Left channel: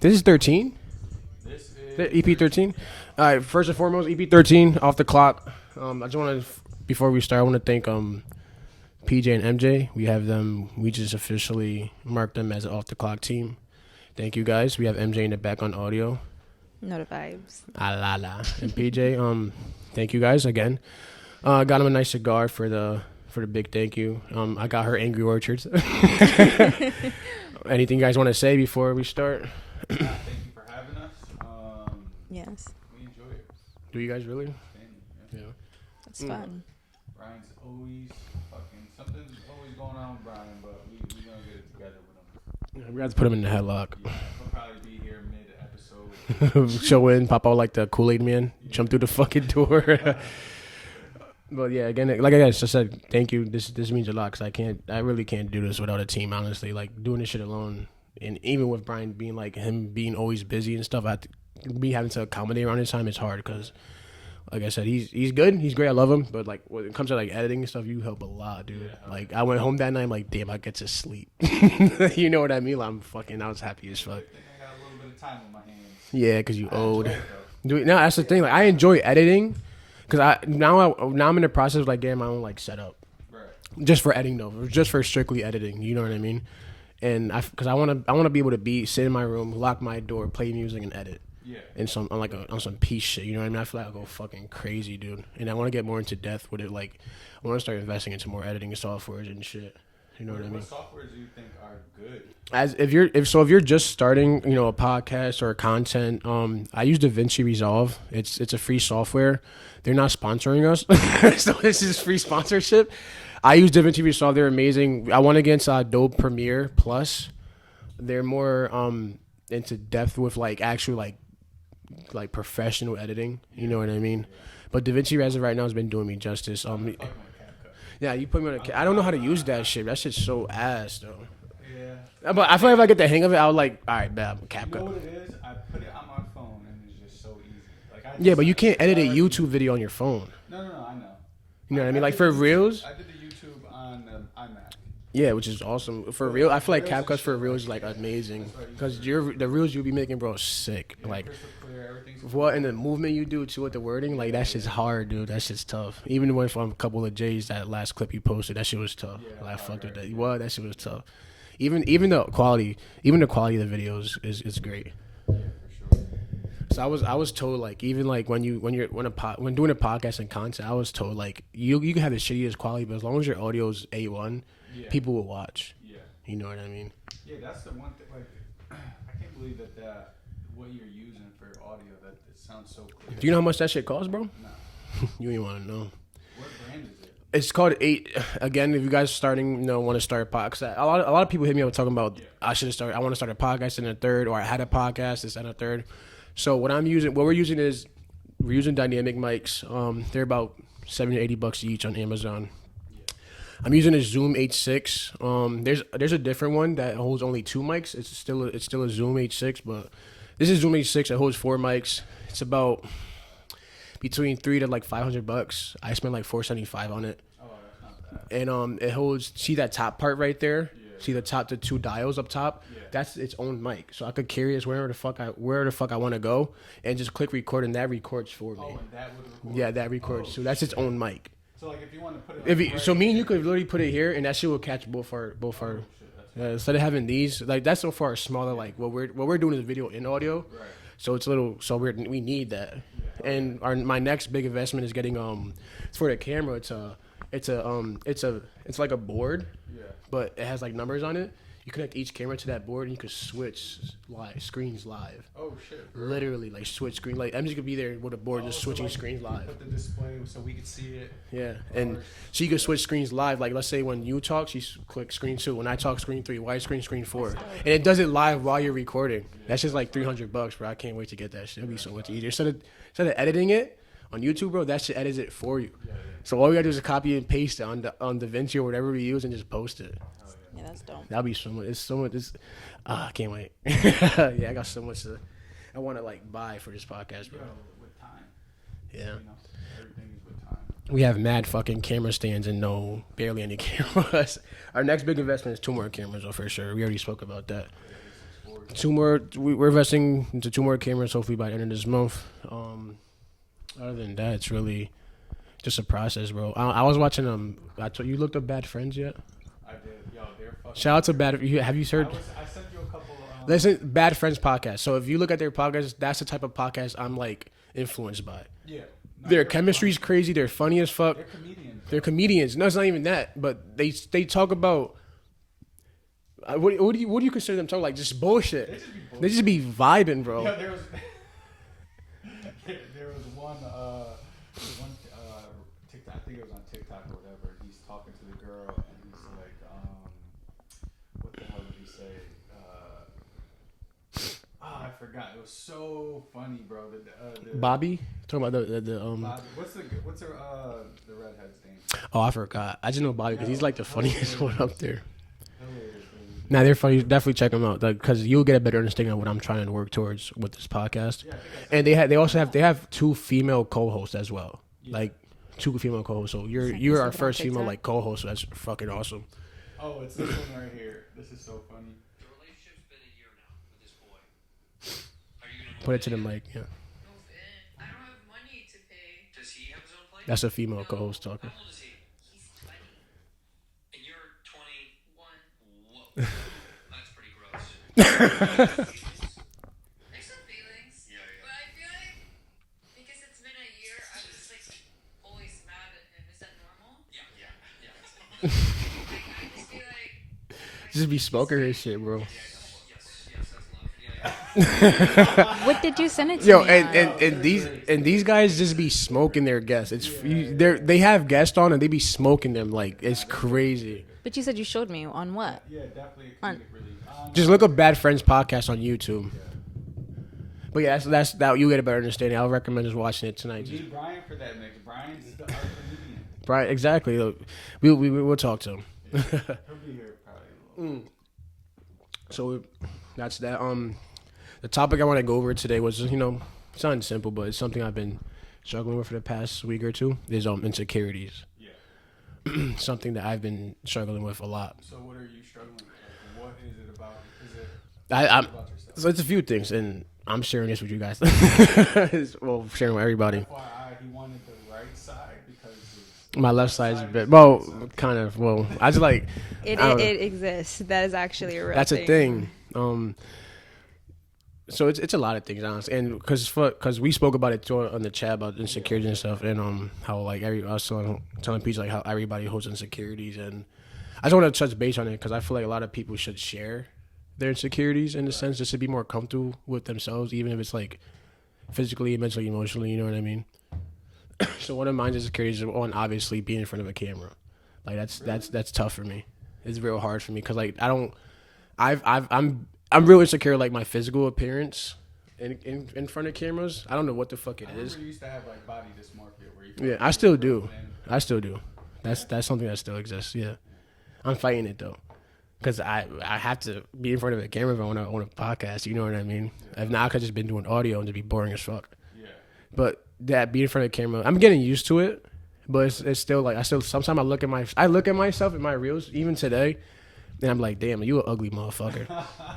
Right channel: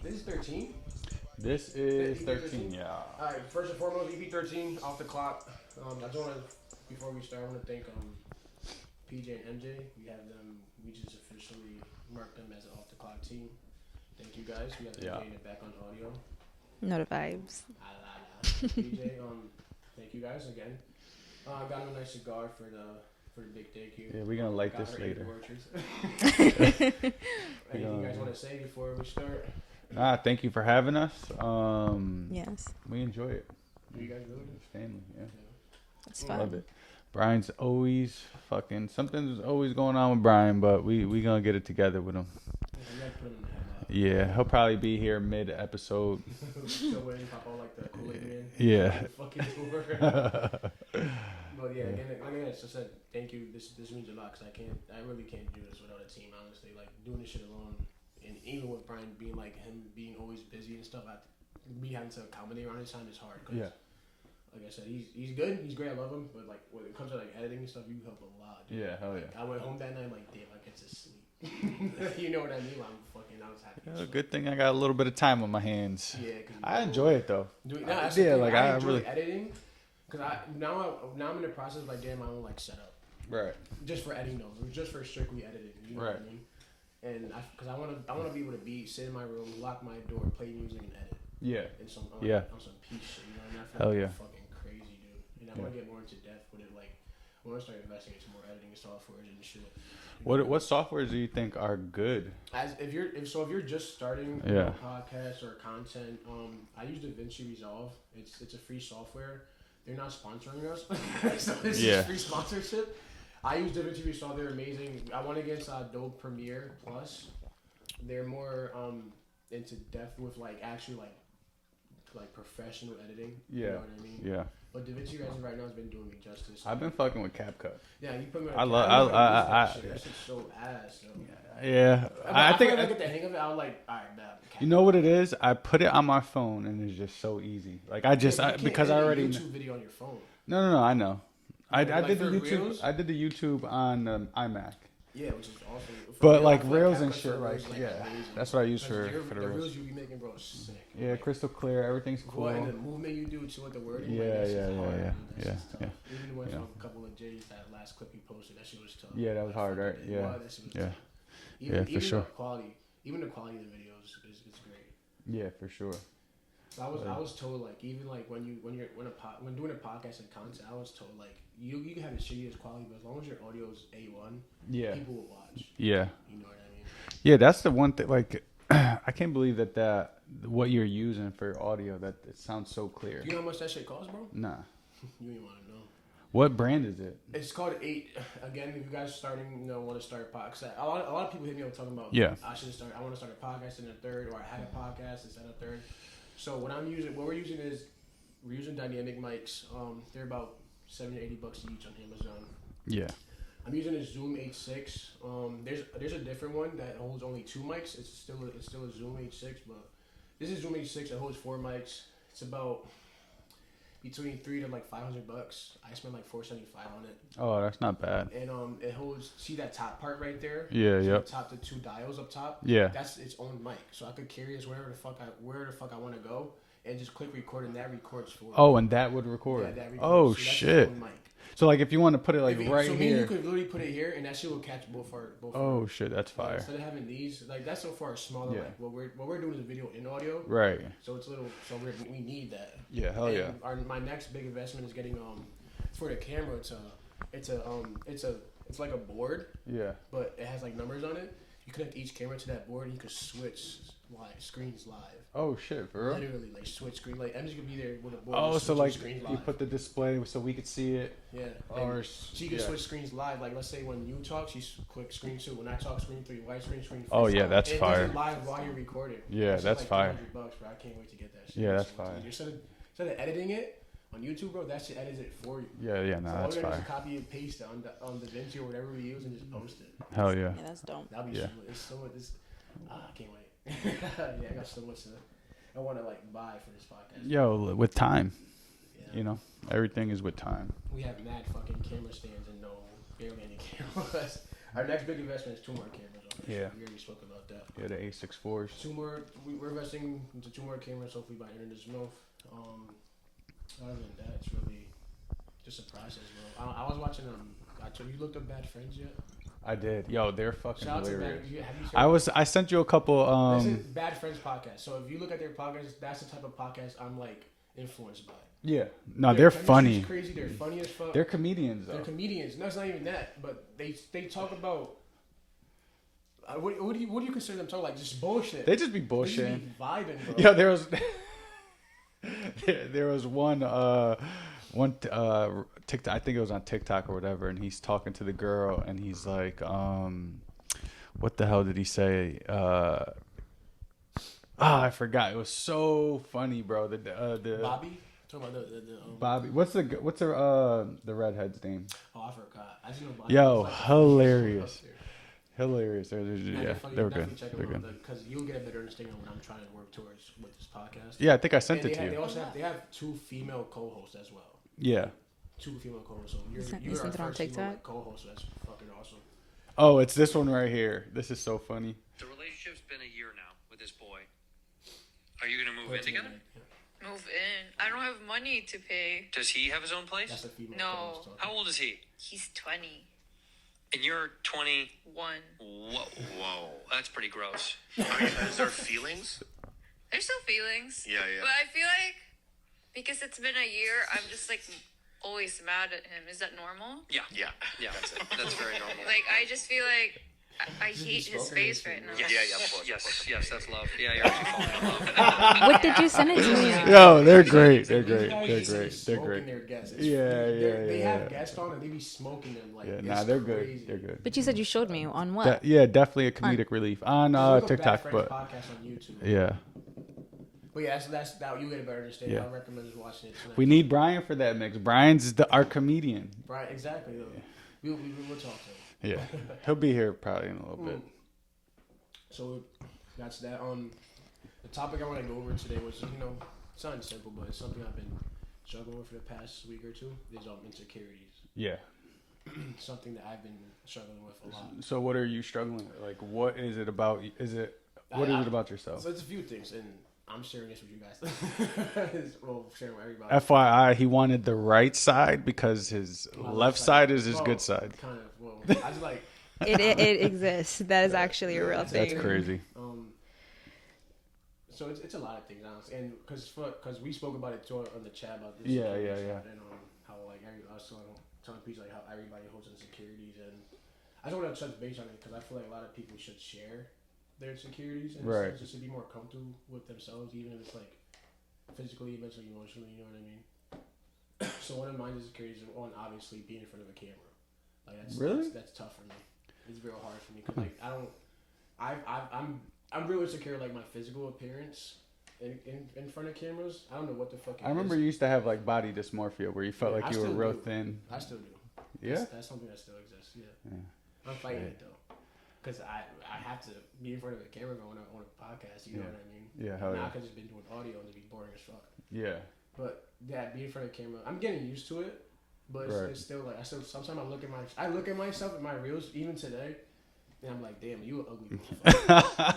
This is 13? This is EP13? Yeah. All right, first and foremost, EP13, off the clock. I just want to, before we start, I want to thank PJ and MJ. We have them, we just officially marked them as an off the clock team. Thank you guys. We have MJ in the back on audio. No the vibes. Ah la la. And PJ, thank you guys again. Got him a nice cigar for the big thank you. I got her Angry Orchards. Anything you guys want to say before we start? Thank you for having us. Yes. We enjoy it. Do you guys really? Family, yeah. It's fun. Brian's always something's always going on with Brian, but we gonna get it together with him. We got to put him in the headlock. Yeah, he'll probably be here mid-episode. Show in, pop out like the Kool-Aid man. Yeah. Jump through the fucking door. But yeah, again, like I just said, thank you. This means a lot because I really can't do this without a team. Honestly, like doing this shit alone, and even with Brian being like him being always busy and stuff, having to accommodate around his time is hard because. Yeah. Like I said, he's good. He's great. I love him. But like when it comes to like editing and stuff, you help a lot, dude. Yeah, like I went home that night, I'm like, damn, I get to sleep. You know what I mean? Like, I was happy as fuck. Good thing I got a little bit of time on my hands. Yeah, because you I enjoy it though. No, that's the thing. Like I enjoy editing, because now I'm in the process of like getting my own like setup. Right. Just for editing though, just for strictly editing. You know what I mean? And because I want to be able to sit in my room, lock my door, play music, and edit. Yeah. And on some peace shit, you know what I mean? I feel like I'm fucking crazy, dude. And I want to get more into depth with it. Like, I want to start investing into more editing softwares and shit. You know what softwares do you think are good? If you're just starting, you know, a podcast or content, I use DaVinci Resolve. It's a free software. They're not sponsoring us, so this is free sponsorship. I use DaVinci Resolve. They're amazing. I went against Adobe Premiere Plus. They're more into depth with like actual like professional editing, you know what I mean? Yeah. But DaVinci as of right now has been doing me justice. I've been fucking with CapCut. Yeah, you put me on. I don't know how to use that shit. That shit's so ass though. Yeah, but I feel like if I get the hang of it, I'll like, all right, bad. CapCut. You know what it is? I put it on my phone and it's just so easy. Like but you can't edit a YouTube video on your phone. No, I know. You know what I mean? Like for Reels, I did the YouTube on iMac. Yeah, which is awesome. For Reels, I feel like CapCut for Reels is like amazing. That's what I use for. Because the Reels you'll be making, bro, is sick. Yeah, like crystal clear, everything's cool. What and the movement you do too with the wording, like that shit's hard, dude. That shit's tough. Even when from a couple of J's, that last clip you posted, that shit was tough. Yeah, that was hard. Right? Yeah. What? That shit was tough. Even the quality of the videos is great. Yeah, for sure. So I was told like even like when doing a podcast and content, I was told like you can have the shittiest quality, but as long as your audio is A1, people will watch. Yeah, you know what I mean. Yeah, that's the one thing. Like, I can't believe that what you're using for audio that it sounds so clear. Do you know how much that shit costs, bro? Nah. You ain't want to know. What brand is it? It's called 8. Again, if you guys starting, want to start a podcast, a lot of people hit me up talking about I should have started. I want to start a podcast in a third, or I had a podcast, it's in a third. So what we're using dynamic mics. They're about $70 to $80 each on Amazon. Yeah. I'm using a Zoom H6. There's a different one that holds only 2 mics. It's still a Zoom H6, but this is Zoom H6 that holds 4 mics. It's about between $300 to like $500. I spent like $475 on it. Oh, that's not bad. And it holds. See that top part right there? Yeah. See the top, the 2 dials up top? Yeah. That's its own mic, so I could carry this wherever the fuck I want to go, and just click record, and that records for me. Oh, and that would record. Yeah, that records. So that's its own mic. So like if you want to put it like me and you could literally put it here, and that shit will catch both our. Oh shit, that's fire. Instead of having these, like that's so far smaller. Like what we're doing is video and audio. Right. So it's a little. So we need that. Yeah. And my next big investment is getting it's for the camera. It's like a board. Yeah. But it has like numbers on it. You connect each camera to that board, and you could switch screens live. Oh shit, bro. Literally, like switch screen. Like I'm just gonna be there with a board, just switching screens live. You put the display so we could see it. Yeah, and she could switch screens live. Like let's say when you talk, she click screen 2. When I talk, screen 3. Widescreen, screen 4. Oh yeah, that's. And it fire. does it live while you're recording. Yeah, that's just like $300, bro. I can't wait to get that shit. Yeah, so much easier. Instead of editing it on YouTube, bro, that shit edits it for you. Yeah. No, so all we gotta do is copy and paste it on DaVinci or whatever we use and just post it. Hell yeah. Yeah, that's dope. That'll be so much. It's so much. I can't wait. Yeah, I got so much I want to like buy for this podcast. Yo, with time. Yeah. You know, everything is with time. We have mad fucking camera stands and barely any cameras. Our next big investment is 2 more cameras, though, for sure. We already spoke about that. Yeah, the A64s. 2 more. We're investing into 2 more cameras, hopefully by the end of this month. Other than that, it's really just a process, bro. I was watching. You looked up Bad Friends yet? I did. Yo, they're fucking. Shout out to Bad. Have you heard? I sent you a couple. Listen, Bad Friends podcast. So if you look at their podcast, that's the type of podcast I'm like influenced by. Yeah. No, their they're chemistry's funny. crazy. They're funny as fuck. They're comedians. They're comedians. No, it's not even that. But they talk about. What do you consider them talking like? Just bullshit. They just be bullshit. They just be vibing, bro. Yeah, there was one TikTok. I think it was on TikTok or whatever, and he's talking to the girl, and he's like, what the hell did he say? I forgot. It was so funny, bro. The Bobby talking about the Bobby. What's the redhead's name? Oh, I forgot. I just know Bobby. Yo, He's like the funniest one hilarious. up there. Hilarious. Nah, they're funny. Definitely check them out because you'll get a better understanding of what I'm trying to work towards with this podcast. Yeah, I think I sent. And they also have 2 female co-hosts as well. Yeah. Like 2 female co-hosts. So you're Is our it on first female TikTok? like co-host. So that's fucking awesome. Oh, it's this one right here. This is so funny. The relationship's been a year now with this boy. Are you gonna move Put in it to the together? mic. Yeah, Move in. I don't have money to pay. Does he have his own place? that's a female No. co-host talking. How old is he? He's 20. And you're 20. Whoa, that's pretty gross. Feelings? There's still feelings. Yeah. But I feel like because it's been a year, I'm just like always mad at him. Is that normal? Yeah, Yeah. that's it. That's very normal. Like I just feel like I Just be hate his smoking his face shit, right bro. now. Yeah, of course. Yes, that's love. Yeah, What did you send it to Yo, me? they're these, great. And these They're guys great. just They're be great. smoking their guests. It's Yeah, they have guests on and they be smoking them like Yeah, it's nah, they're good. crazy. They're good. But you said you showed me on what? Yeah, definitely a comedic relief. On, Just look up TikTok, Bad Friends but- podcast on YouTube. Yeah. But yeah, that's that. You get a better understanding. I would recommend just watching it tonight. We need Brian for that mix. Brian's our comedian. Brian, exactly. Look, we'll talk to him. Yeah. He'll be here probably in a little bit. So that's that. The topic I want to go over today was just, it's not simple, but it's something I've been struggling with for the past week or two. Is insecurities. Yeah. Something that I've been struggling with a lot. So what are you struggling with? Like, what is it about? Is it about yourself? So it's a few things, and I'm sharing this with you guys. Well, sharing with everybody. FYI, he wanted the right side because his My left side is is his well, good side. kind of. Well, I just like It exists. That is actually a real that's thing. a thing. Crazy. So it's a lot of things, honestly, and because we spoke about it too on the chat about insecurities and stuff, and how like I was telling people like how everybody holds insecurities, and I just want to touch base on it because I feel like a lot of people should share their insecurities in the sense just to be more comfortable with themselves, even if it's like physically, mentally, emotionally. You know what I mean? So one of my insecurities is one, obviously being in front of a camera. Like that's tough for me. It's real hard for me because like I'm real insecure like my physical appearance in front of cameras. I don't know what the fuck it is. I remember you used to have like body dysmorphia where you felt Yeah, like I you still were do. real thin. I still do. Yeah? That's something that still exists. Yeah, I'm fighting it though, because I have to be in front of a camera if I want to podcast. You know what I mean? Yeah. If not, I could just been doing audio and just be boring as fuck. Yeah. But that being in front of the camera, I'm getting used to it. But it's still like sometimes I look at myself in my reels even today, and I'm like, damn, you an ugly motherfucker.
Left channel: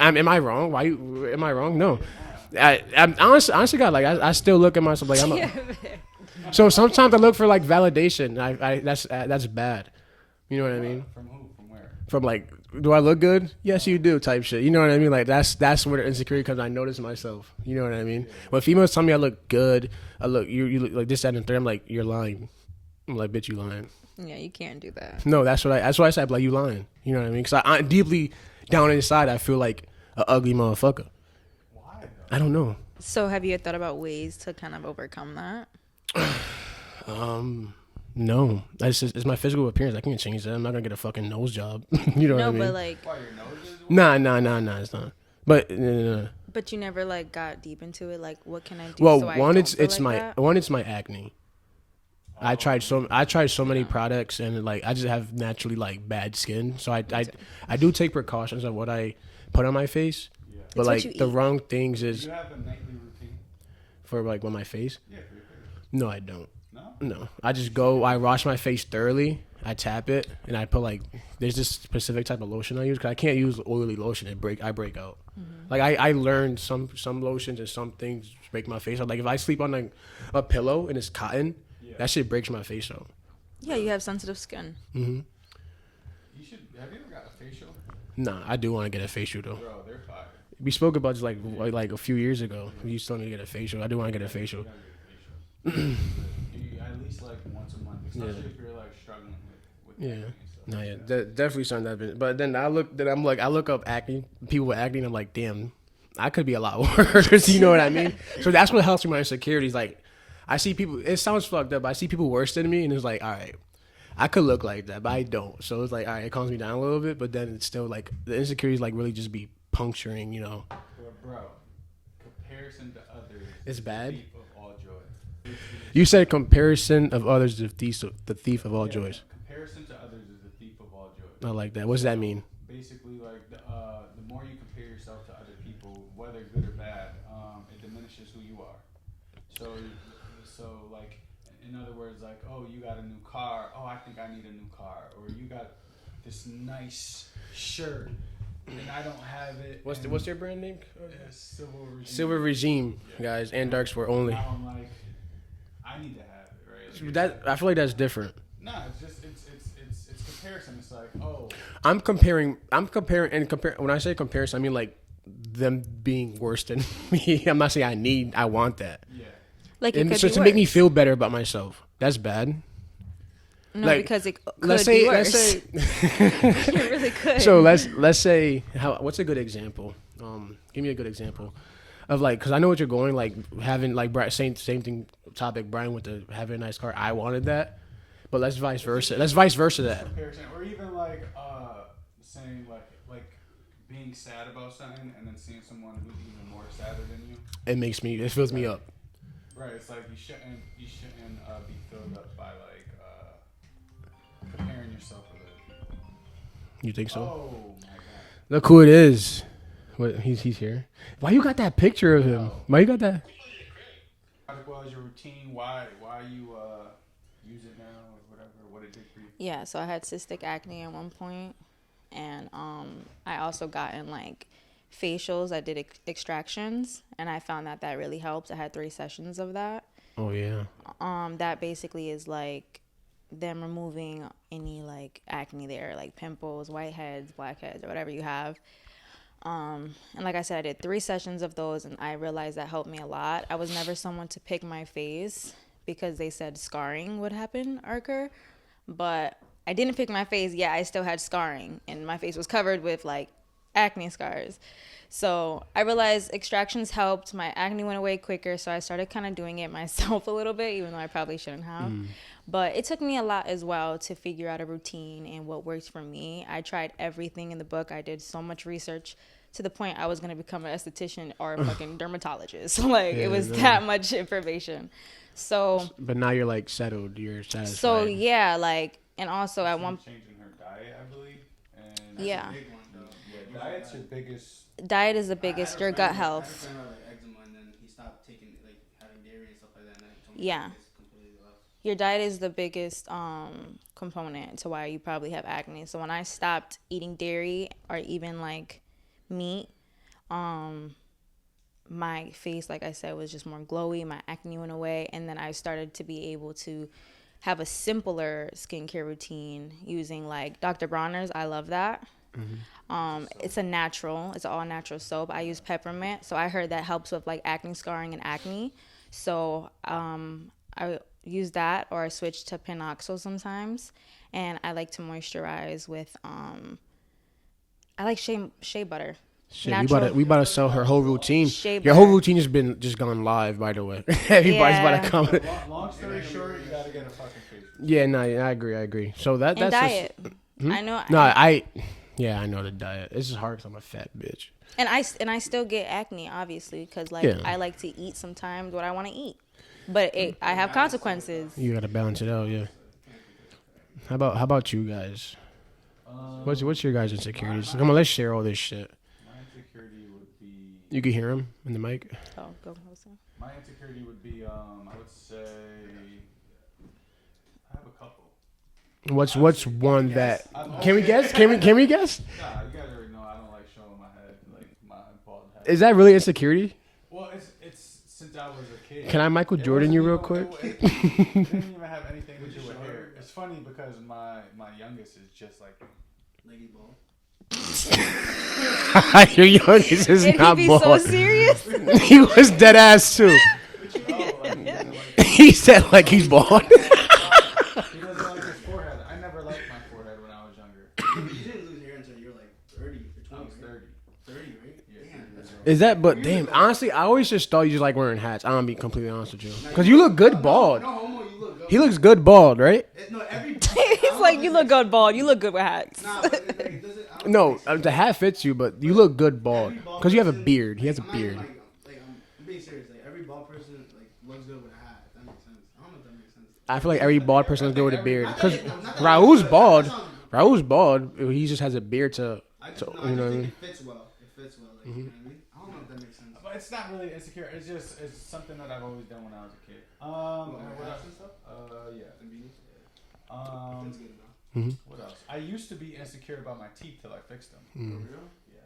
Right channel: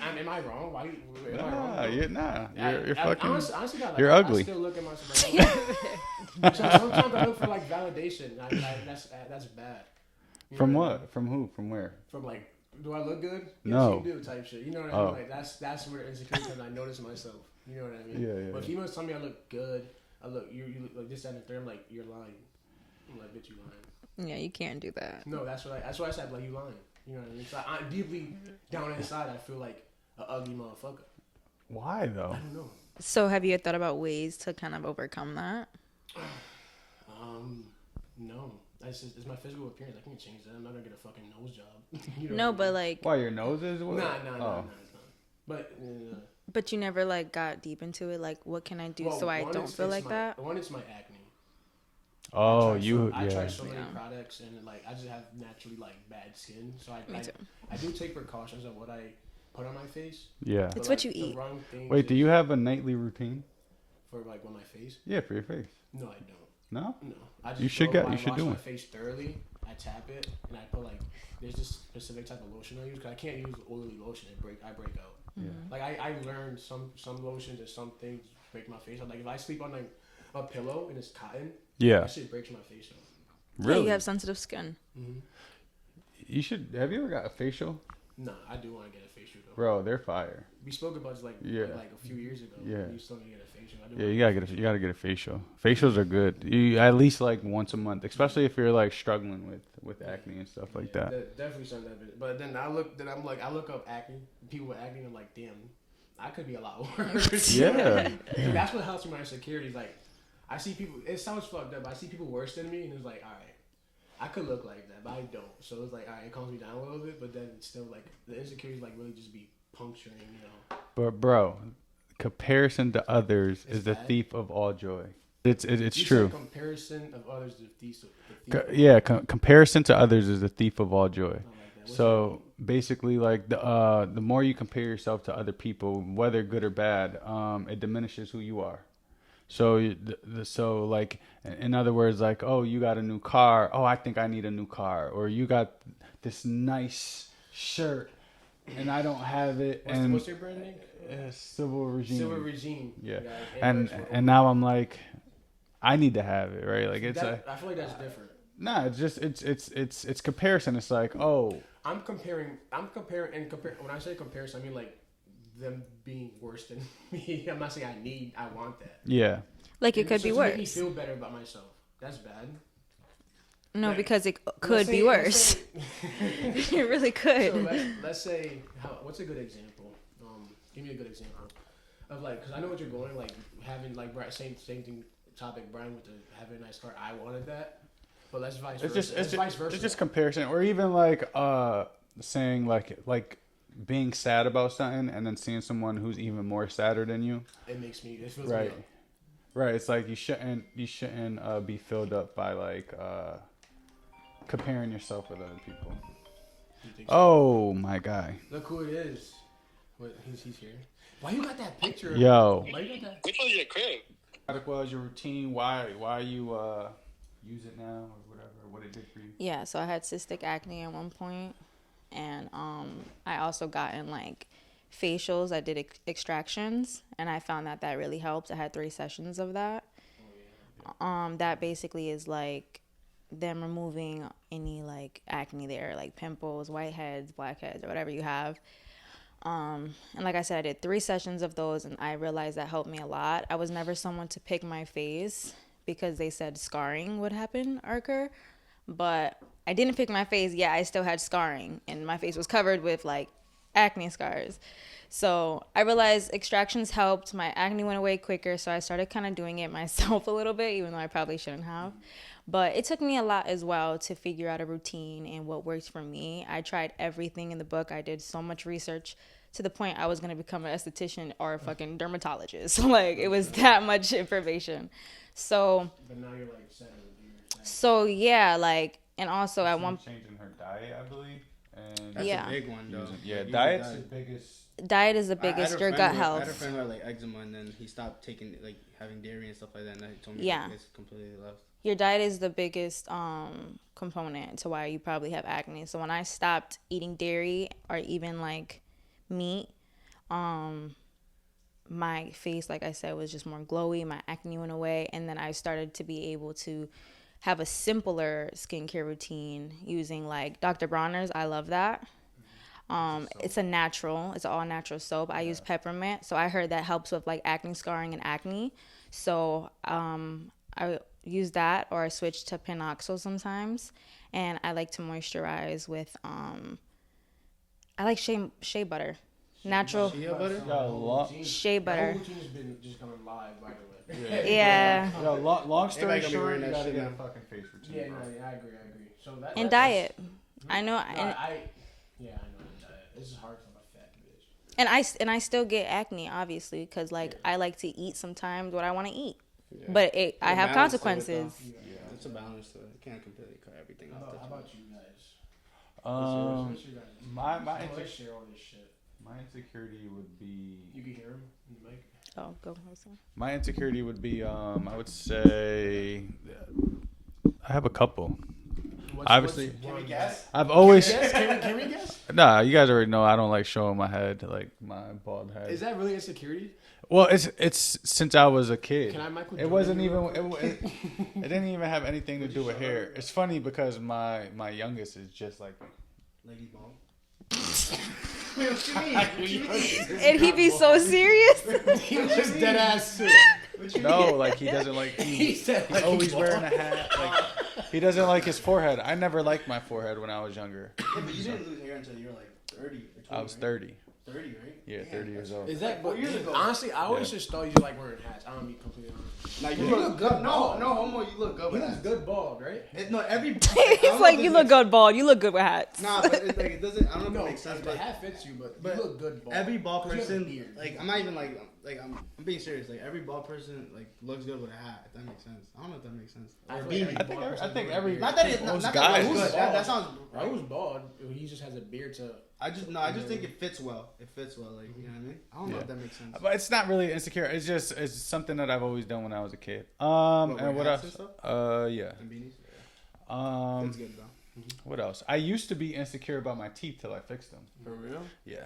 Am I wrong? Am I wrong? No. Nah, honestly, God, like I ugly. still look at myself like I'm. So sometimes I look for like validation. That's bad. You know From what what? I mean? From who? From where? From like, do I look good? Yes, No. you do. Type shit. You know what I mean? Oh. Like that's where the insecurity comes. I notice myself. You know what I mean? Yeah, yeah. When females tell me I look good, I look you look like this, that, and the third. I'm like, you're lying. I'm like, bitch, you lying. Yeah, you can't do that. No, that's what I said. Like, you lying. You know what I mean? Because I deeply down inside, I feel like an ugly motherfucker. Why though? I don't know. So have you thought about ways to kind of overcome that? No, it's my physical appearance. I can't change that. I'm not gonna get a fucking nose job. You know what I No, mean? but like, Why your nose is? Nah, it's not. But but you never like got deep into it. Like, what can I do? well, so I one don't it's feel it's like my that? it's my acne. Oh, I tried so many Yeah. products, and like I just have naturally like bad skin. So I too. do take precautions on what I put on my face. Yeah. But It's like what you the eat. wrong things. Wait, is, do you have a nightly routine? for like on my face. Yeah, for your face. No, I don't. No, I just I wash my face thoroughly. I tap it, and I put like there's this specific type of lotion I use because I can't use oily lotion. I break out. Mm-hmm. Like I learned some lotions and some things break my face out. Like if I sleep on like a pillow and it's cotton, that shit breaks my face out. Really? Yeah, you have sensitive skin. Mm-hmm. You should. Have you ever got a facial? Nah, I do want to get a facial though. Bro, they're fire. We spoke about this like a few years ago. Yeah. You still need to get a facial. I do want to get a facial. You gotta get a facial. Facials are good. You at least like once a month, especially if you're like struggling with acne and stuff like that. Definitely something I've been. But then I look up acne, people with acne, and I'm like, damn, I could be a lot worse. You know what I mean? So that's what helps with my insecurities. Like, I see people. It sounds fucked up, but I see people worse than me, and it's like, all right, I could look like that, but I don't. So it's like, all right, it calms me down a little bit, but then it's still like the insecurities like really just be puncturing, you know. But bro, comparison to others is the thief of all joy. It's you true. said comparison of others is the thief of all joy. Comparison to others is the thief of all joy. I like that. What does that mean? Basically, like the more you compare yourself to other people, whether good or bad, it diminishes who you are. So like in other words, like, oh, you got a new car. Oh, I think I need a new car. Or you got this nice shirt and I don't have it. What's your brand name? Silver Regime. Silver Regime, guys. And darks for only. And now I'm like, I need to have it, right? Like I feel like that's different. Nah, it's just it's comparison. It's like, oh, I'm comparing. When I say comparison, I mean like them being worse than me. I'm not saying I want that. Yeah. Like it could be worse. To make me feel better about myself. That's bad. No, like, because it could be worse. It really could. So let's say what's a good example? Give me a good example of like, because I know what you're going, like having like same thing topic. Brian went to having a nice car. I wanted that, but let's vice versa. Let's vice versa. Just comparison, or even like saying like being sad about something and then seeing someone who's even more sadder than you. It fills me up. Right. It's like you shouldn't be filled up by like comparing yourself with other people. You think so? Oh my guy. Look who it is. What he's here. Why you got that picture of him? Why you got that? Which one's your crib? What was your routine? Why you use it now or whatever? What it did for you? Yeah, so I had cystic acne at one point, and I also got in like facials. I did extractions, and I found that really helped. I had 3 sessions of that. Oh yeah. That basically is like them removing any like acne there, like pimples, whiteheads, blackheads, or whatever you have. And like I said, I did 3 sessions of those, and I realized that helped me a lot. I was never someone to pick my face because they said scarring would occur, but I didn't pick my face. Yeah, I still had scarring, and my face was covered with like acne scars. So I realized extractions helped. My acne went away quicker, so I started kind of doing it myself a little bit, even though I probably shouldn't have. But it took me a lot as well to figure out a routine and what works for me. I tried everything in the book. I did so much research to the point I was going to become an esthetician or a fucking dermatologist. Like, it was that much information. So. But now you're like settled. You're satisfied. So, yeah, like, and also at one. Changing her diet, I believe. And that's a big one, though. Yeah, diet's the biggest. Diet is the biggest. Your gut health. I had a friend who had like eczema, and then he stopped taking like having dairy and stuff like that. And he told me it's completely lost. Your diet is the biggest component to why you probably have acne. So when I stopped eating dairy or even like meat, my face, like I said, was just more glowy. My acne went away, and then I started to be able to have a simpler skincare routine using like Dr. Bronner's. I love that. It's it's an all natural soap. I use peppermint, so I heard that helps with like acne scarring and acne. So I use that, or I switch to Pinoxyl sometimes, and I like to moisturize with I like shea butter. Natural. We about to sell her whole routine. Shea Your whole routine has been just gone live, by the way. Everybody's about to come. Long story short, you gotta get a fucking face. Yeah, no, I agree. So that's diet. I know. I know the diet. This is hard because I'm a fat bitch. And I still get acne, obviously, because I like to eat sometimes what I want to eat, but I have consequences. You gotta balance it out, yeah. How about you guys? What's your guys' insecurities? Let's share all this shit. My insecurity would be. You can hear him in the mic. Oh, go closer. My insecurity would be, I would say, I have a couple. What's one that I've always Can we guess? Nah, you guys already know I don't like showing my head, like my bald head. Is that really insecurity? Well, it's since I was a kid. Can I Michael Jordan you real quick? It didn't even have anything to do with hair. It's funny because my youngest is just like Leggy ball. Your youngest is Did he not be bald. so serious? He was dead ass too. no, like he doesn't like. He said like he's bald. He doesn't like his forehead. I never liked my forehead when I was younger. You didn't lose hair until you were like 30 or 20. I was 30. 30, right? Yeah, 30 years old. Is that? But damn, honestly, I always just thought you just like wearing hats. I'm gonna be completely honest with you, because you look good bald. No, homo, you look good. He looks good bald, right? No, every. He's like, you look good bald. You look good with hats. Nah, but it's like, it doesn't. I don't No, think it's the hat fits you, but you look good bald because you have a beard. He has a I'm not even beard. I'm being serious. Like every bald person like looks good with a hat. If that makes sense. I don't know if that makes sense. I feel like every bald person looks good with a beard. Not that Because it- Raul's that bald. sounds- Raul's bald. He just has a beard to. I just So, no, I you know just what I think mean? it fits well. It fits well. Like you know what I mean. I don't know if that makes sense. But it's not really insecure. It's something that I've always done when I was a kid. And what else? Yeah. And beanies? Um, That's good though. what else? I used to be insecure about my teeth till I fixed them. For real? Yeah.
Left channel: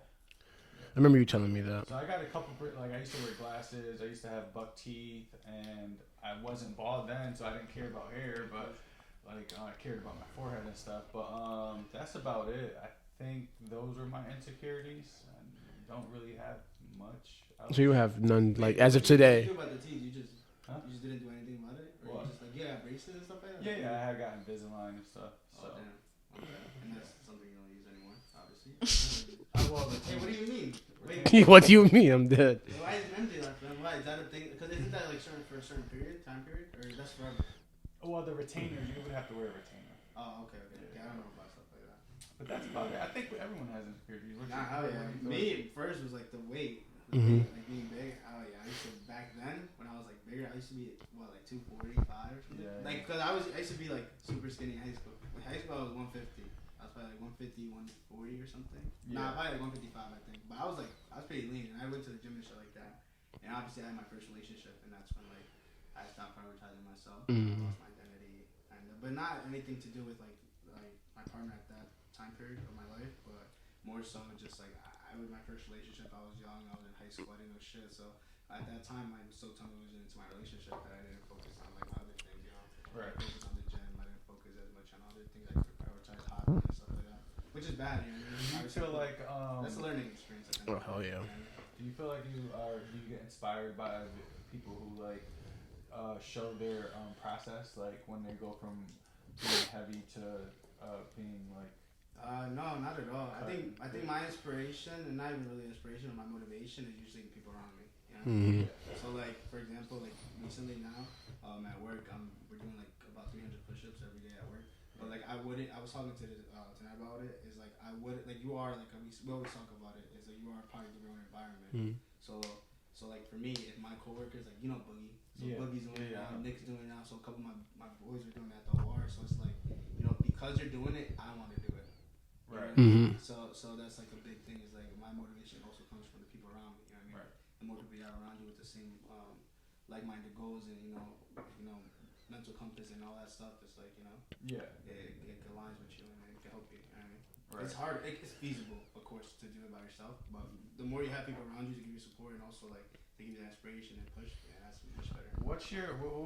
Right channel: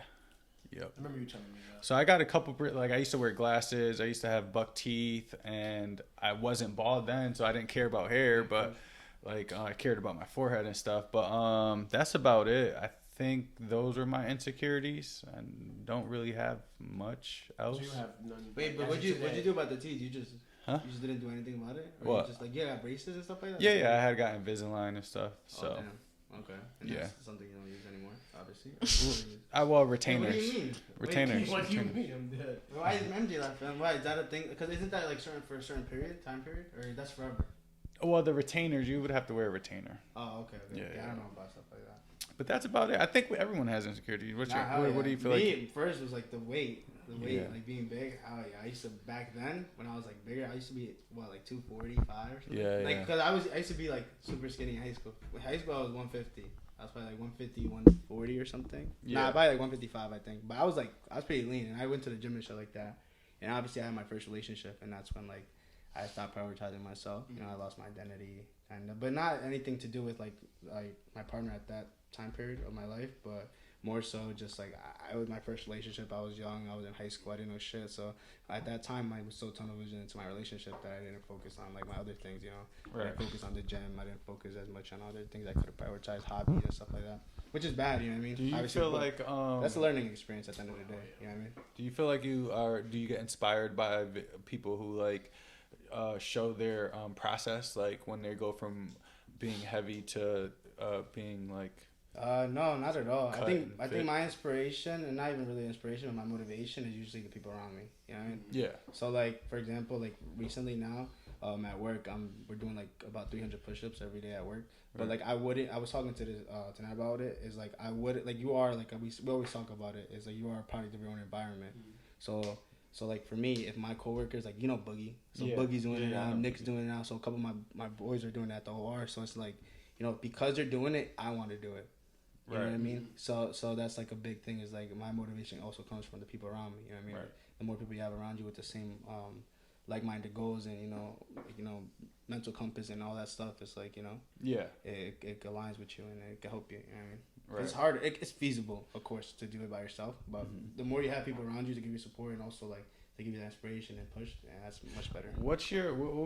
I remember you telling me that. So I got a couple, like I used to wear glasses. I used to have buck teeth, and I wasn't bald then, so I didn't care about hair. But like I cared about my forehead and stuff. But that's about it. I think those were my insecurities. I don't really have much else. So you have none, Wait, like as of what did today. you do about the teeth? You just didn't do anything about it? Or What? You just like braces and stuff like that? Yeah, I had got Invisalign and stuff. So Oh, damn. Okay. And Yeah. That's something you don't use anymore, obviously. well, What do retainers. you mean? Retainers. What do you mean? I'm dead. Why is MJ like that? Why is that a thing? Because isn't that like certain for a certain time period, or that's forever? Well, the retainers, you would have to wear a retainer. Oh, okay. Yeah, I yeah. don't know about stuff like that. But that's about it. I think everyone has insecurities. What do you feel Me, like? first was like the weight. The Mhm. weight, like being big. Oh yeah, I used to back then when I was like bigger. I used to be like 245 or something. Yeah, Like yeah. because I used to be like super skinny in high school. In high school I was 150. I was probably like 150, 140 or something. Yeah. Nah, probably like 155 I think. But I was pretty lean, and I went to the gym and shit like that. And obviously I had my first relationship, and that's when like I stopped prioritizing myself. And I lost my identity, but not anything to do with like my partner at that time period of my life, but more so just like I was my first relationship. I was young. I was in high school. I didn't know shit. So at that time, I was so tunnel vision into my relationship that I didn't focus on like my other things. You know, Right. I focused on the gym. I didn't focus as much on other things. I could have prioritized hobbies and stuff like that, which is bad. You know what I mean? Do you Obviously, feel like that's a learning experience at the end of the Oh, day. yeah. You know what I mean? Do you feel like do you get inspired by people who like show their process, like when they go from being heavy to being like? No, not at all. Cut I and think fit. my inspiration, and not even really inspiration, but my motivation is usually the people around me. You know what I mean? Mhm. Yeah. So like for example, like recently now, at work, we're doing like about 300 push-ups every day at work. But like I was talking to this tonight about it. Is like I would like you are like we always talk about it. Is like you are a product of your own environment. So like for me, if my coworkers like Boogie, so Yeah. Boogie's doing it Yeah. now, Nick's doing it now, so a couple of my boys are doing it at the OR. So it's like because they're doing it, I want to do it. You know what I mean? So that's like a big thing. Is like my motivation also comes from the people around me. You know what I mean? Right. The more people you have around you with the same like-minded goals and mental compass and all that stuff, it's like Yeah. it aligns with you and it can help you. You know what I mean? Right. It's hard. It's feasible, of course, to do it by yourself. But the more you have people around you to give you support and also like to give you that inspiration and push, that's much better. What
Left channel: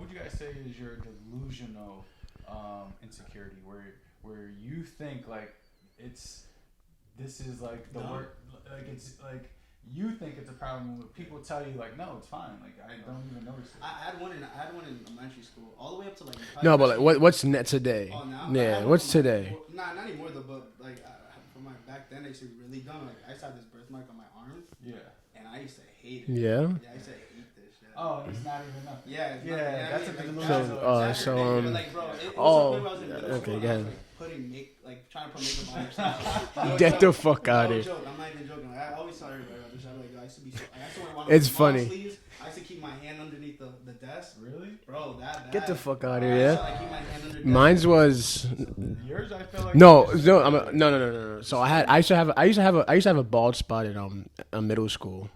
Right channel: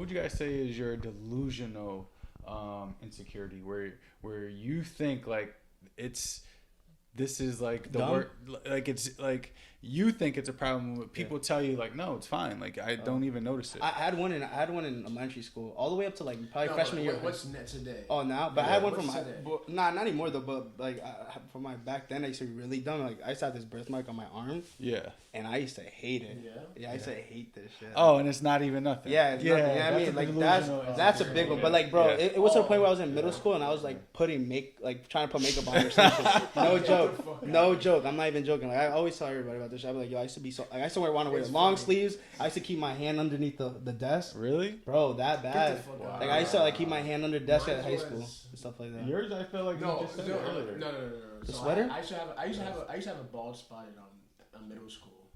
would you guys say is your delusional insecurity where you think like this is like the Dumb? word, like it's like you think it's a problem, but people tell you like no, it's fine, like I don't even notice it. I had one in elementary school, all the way up to like. No, but freshman like, year. what's net today? Oh, now? But I Yeah, had one what's for my- today? well, nah, not anymore though. But like for my back then, I used to be really dumb. Like I used to have this birthmark on my arm, Yeah. and I used to hate it. Yeah. Yeah, I used to hate this shit. Oh, and it's not even nothing. Yeah, it's nothing. Yeah, I mean, a like delusional. that's so, a big one. But like, bro, yeah. it was a Oh, point where I was in middle school okay, and I was yeah. like trying to put makeup on or something. No Get joke. the fuck outta No here. joke. I'm not even joking. Like I always tell everybody about this shit. I'm like, yo, I used to be so like I used to wear one of It's the long funny. sleeves. I used to keep my hand underneath the desk. Really? Bro, that bad. Get the fuck outta Like, here, I used to yeah? like keep my hand under desk. Mine's in high school was- and stuff like that. Yours, I feel like No. So I used to have a bald spot in middle school.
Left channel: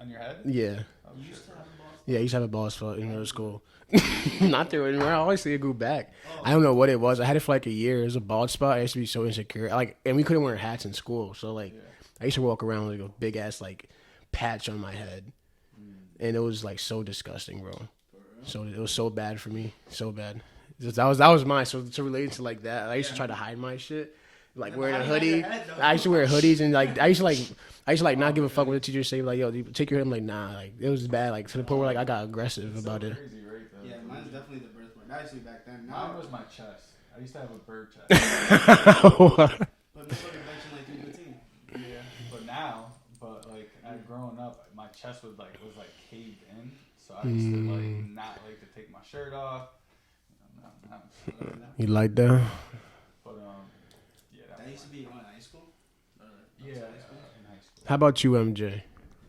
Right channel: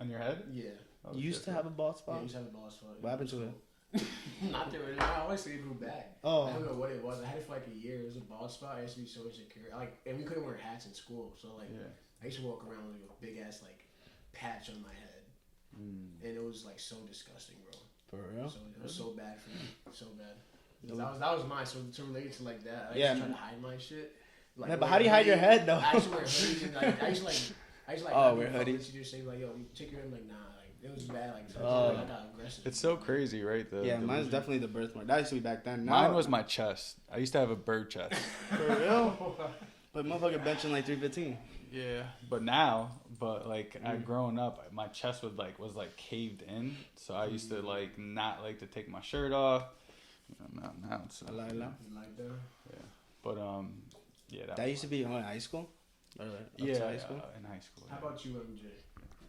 On your head? Yeah. Oh, You used to have a bald spot? Yeah, I used to have a bald spot in Why middle was school. Not there anymore. I always see it go back. Oh. I don't know what it was. I had it for like a year. It was a bald spot. I used to be so insecure. Like, and we couldn't wear hats in school. So like, I used to walk around with like a big ass like patch on my head, and it was like so disgusting, bro. For real? So it was so bad for me, so bad. That was mine. So to relate to like that, I used to try to hide my shit. Like, but how do you hide your head though? I used to wear hoodies and like I used to not give a fuck hoodies. what the teacher say. Like, yo, take your head. I'm like, nah. Like, it was bad. Like, to the point where like I got aggressive It's about so it. crazy, right? Yeah, mine's definitely the birthmark. That used to be back then. Mine was my chest. I used to have a bird chest. But motherfucker benching like 315. Yeah, but now, like I've grown up, my chest was like caved in, so I used to like not like to take my shirt off. Now it's You like that? but yeah, That used to be in high school. Or yeah, high school. in high school. How about you, MJ?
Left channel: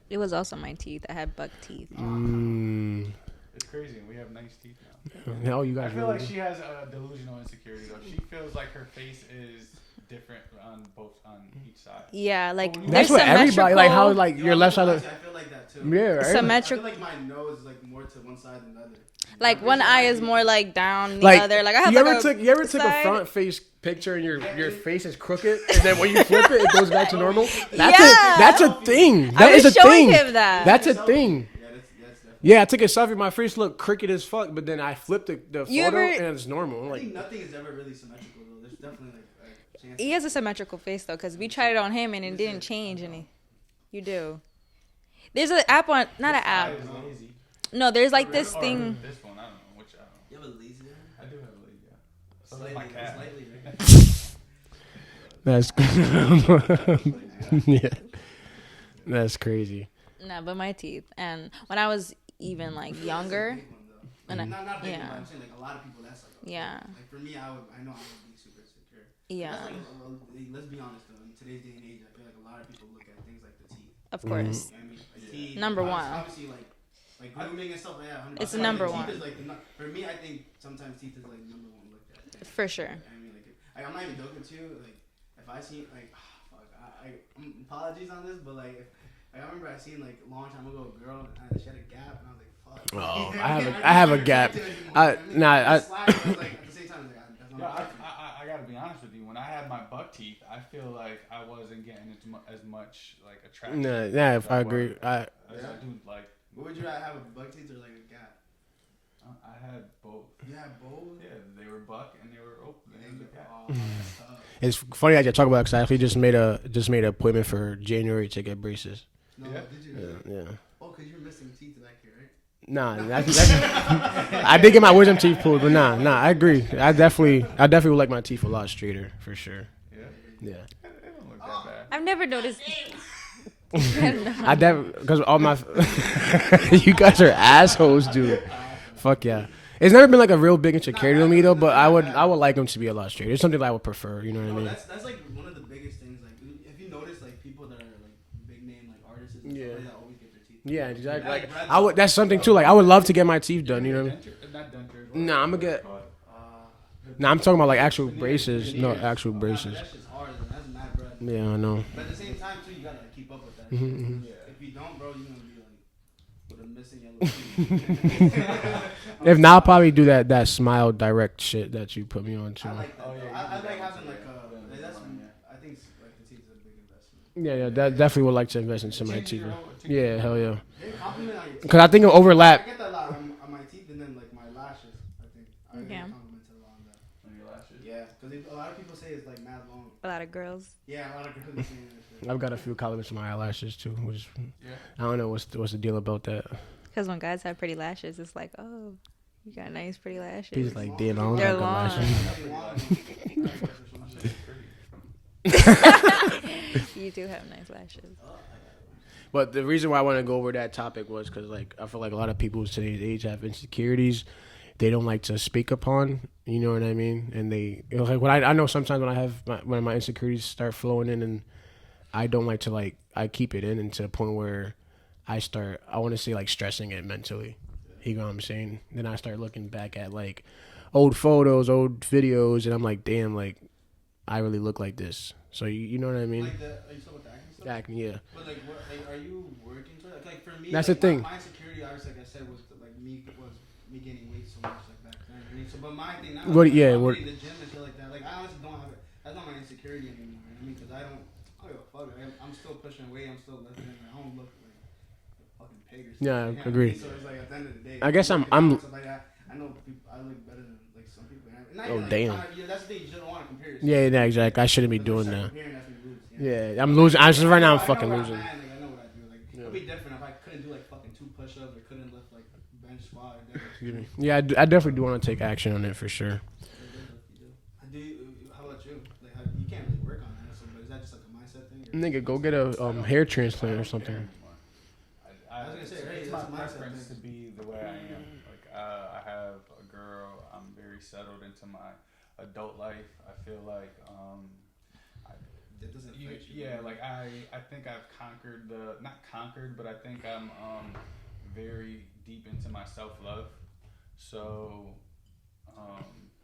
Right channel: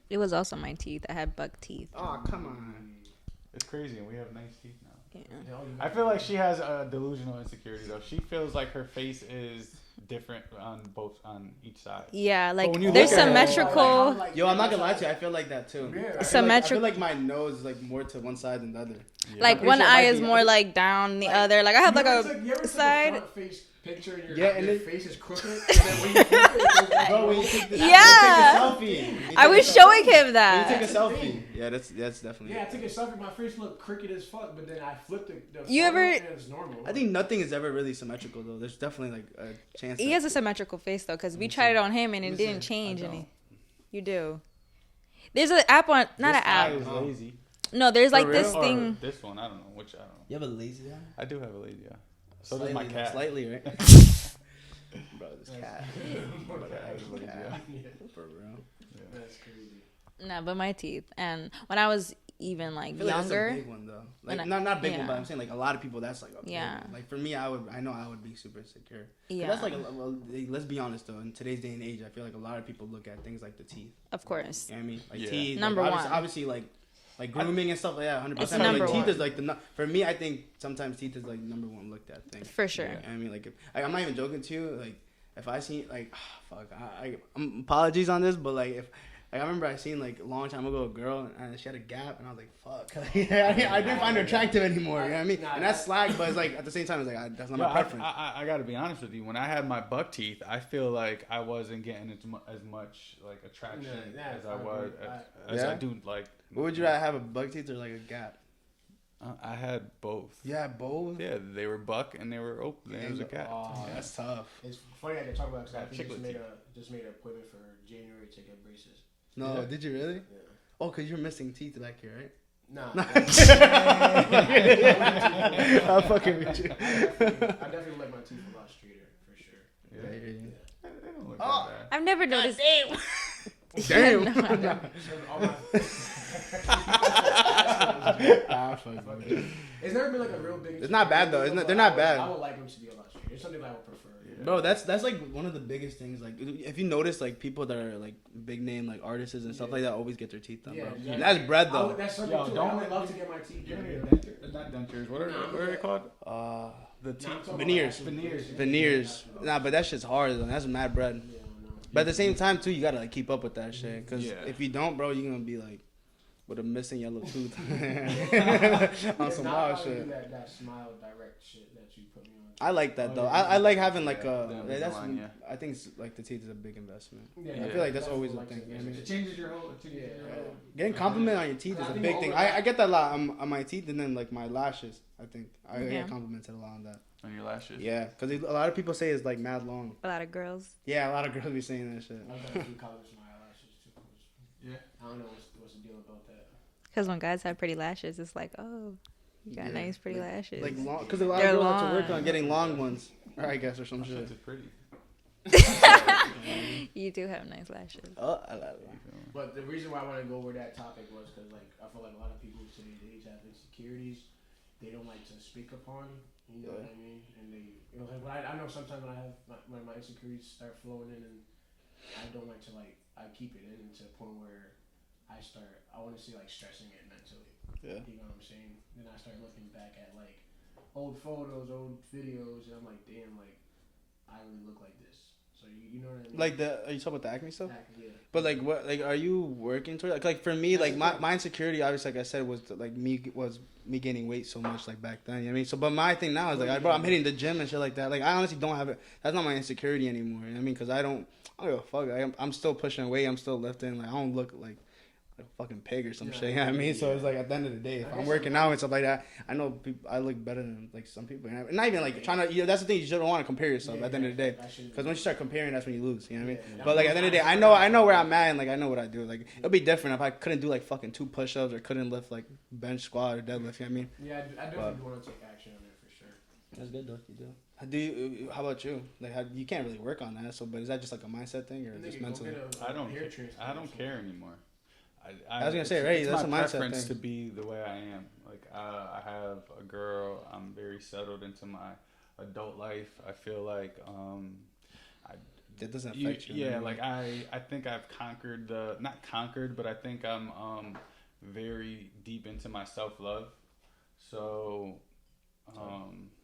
It was also my teeth. I had buck teeth. Oh, come on. It's crazy, and we have nice teeth now. Hell, you got. I feel like she has a delusional insecurity though. She feels like her face is different on each side. Yeah, like when you- there's That's what everybody- symmetrical. Like how like Yo, your I'm left not gonna side. lie to you, I feel like that too. Yeah, right? I Symmetrical. feel like my nose is like more to one side than the other. Like one eye is more like down the other. Like I have you like ever you ever took a side. front face picture and your Yeah, face is crooked, and then when you flip it, it goes back to normal. Yeah. That's a thing. I That was is a showing thing. him that. That's a thing. Yeah, that's definitely. Yeah, I took a selfie. My face looked crooked as fuck, but then I flipped the You photo, ever- and it's normal. I Like, think nothing is ever really symmetrical though. There's definitely like a chance. He has a symmetrical face though, because we tried it on him and it didn't change any. You do. There's an app on, not an app. Is lazy. No, there's like For this Or thing. this one, I don't know which. I don't know. You have a lazy eye? I do have a lazy eye. So does my cat. Slightly, right? that's yeah, that's crazy. No, but my teeth. And when I was even like younger, Big one, though. When Like, I- not big one, yeah. but I'm saying like a lot of people. That's like a Yeah. Like for me, I know I would be super insecure. yeah, That's like let's be honest though. In today's day and age, I feel like a lot of people look at things like the teeth. of course. You know what I mean? Like Yeah. teeth. Number like, one. Obviously, like grooming and stuff like that. 100%. It's Like, number teeth one. Is like for me, I think sometimes teeth is like number one looked at thing. For sure. I mean, like I'm not even joking to you. Like if I see like fuck, I'm apologies on this, but like if. Like, I remember I seen like a long time ago a girl and she had a gap and I was like, fuck. Oh, I have find a her gap. attractive anymore, I- you know what I mean? nah, That's slack, but it's like at the same time it's like that's not Yo, my preference. I gotta be honest with you. When I had my buck teeth, I feel like I wasn't getting as much like attraction. Yeah, if I agree. as I Yeah? do like. What would you rather have, a buck teeth or like a gap? I had both. Yeah, both. Yeah, they were buck and they were open. It was a cat. Oh, that's tough. It's funny that you talk about it because I actually just made an appointment for January to get braces. No, Yeah. did you really? Yeah. Oh, cause you're missing teeth back here, right? Nah, I did get my wisdom teeth pulled, but nah, I agree. I definitely would like my teeth a lot straighter for sure. Yeah. Yeah. They don't look that bad. I've never noticed. I definitely because all my you guys are assholes, dude. Fuck yeah. It's never been like a real big not insecurity bad, to me though. though, but They're I not would bad. I would like them to be a lot straighter. It's something that I would prefer, you know what I No, mean? that's like one of the biggest things. Like if you notice, like people that are like big name like artists and stuff like that always get their teeth done. Yeah, bro. exactly. That's bread. I would. That's something too. Like I would love to get my teeth done. You know. Not dentures. What Nah, are- I'ma what are they get- called? Nah, I'm talking about like Veneers, actual braces, Veneers. no actual Nah, braces. but that shit's hard. And that's mad bread. Yeah, I know. But at the same time too, you gotta like keep up with that shit. Because Yeah. if you don't, bro, you're gonna be like with a missing yellow tooth. If not, I'll probably do that smile direct shit that you put me on. Too. I like that Oh, though. yeah, I like having like a. the That's. line, I think like the teeth is a big investment. Yeah, Yeah, that that's definitely what would like to invest into my Changes teeth. your whole- Yeah, hell yeah. Getting compliment on your teeth. 'Cause I think it'll I overlap. get that a lot on my teeth and then like my lashes. I think I Yeah. get complimented a lot on that. On your lashes. Yeah, because a lot of people say it's like mad long. A lot of girls. Yeah, a lot of girls be saying that shit. I've got a few compliments on my eyelashes too, which Yeah. I don't know what's the deal about that. Because when guys have pretty lashes, it's like, oh, you got nice pretty lashes. Like, long, they're there's a lot of They're girls long. that are getting long ones, I guess, or some shit. Pretty. You do have nice lashes. Oh, I got it. But the reason why I want to go over that topic was because like I feel like a lot of people today's age have insecurities they don't like to speak upon. You know what I mean? And they like when I know sometimes when I have when my insecurities start flowing in and I don't like to like I keep it in and to the point where I want to say like stressing it mentally. Yeah. You know what I'm saying? Then I start looking back at like old photos, old videos, and I'm like, damn, like I really look like this. So you know what I mean? Like are you talking about the acne stuff? Acne, yeah. But like, what, like, are you working towards? Like for me, That's like the thing. my insecurity, obviously, like I said, was me gaining weight so much, like back then. You know what I mean? So, but my thing now is like, I'm hitting the gym and shit like that. Like I honestly don't have it. That's not my insecurity anymore. You know what I mean? Because I don't give a fuck. I'm still pushing weight. I'm still lifting. Like I don't look like a fucking pig or something. Yeah, You know what I mean? So it's like at the end of the day, I guess I'm working out and stuff like that. I know I look better than like some people. And not even like trying to. That's the thing. You shouldn't want to compare yourself. Yeah, exactly. I shouldn't be doing when you that. start comparing, that's when you lose. You know? Yeah, I'm losing. I'm just right now. I know where I'm at. And, like I know what I do. Like it'd be different if I couldn't do like fucking 2 push-ups or couldn't lift like bench squat or deadlift. You know what I mean? Yeah, I definitely do want to take action on it for sure. Do you? How about you? Like, you can't really work on that. So, but is that just like a mindset thing? Or Nigga, go get a hair transplant or something. I was gonna say, right? That's a mindset preference thing. to be the way I am. Like, I have a girl. I'm very settled into my adult life. I feel like It doesn't affect you. Yeah, like I think I've conquered not conquered, but I think I'm very deep into my self-love. So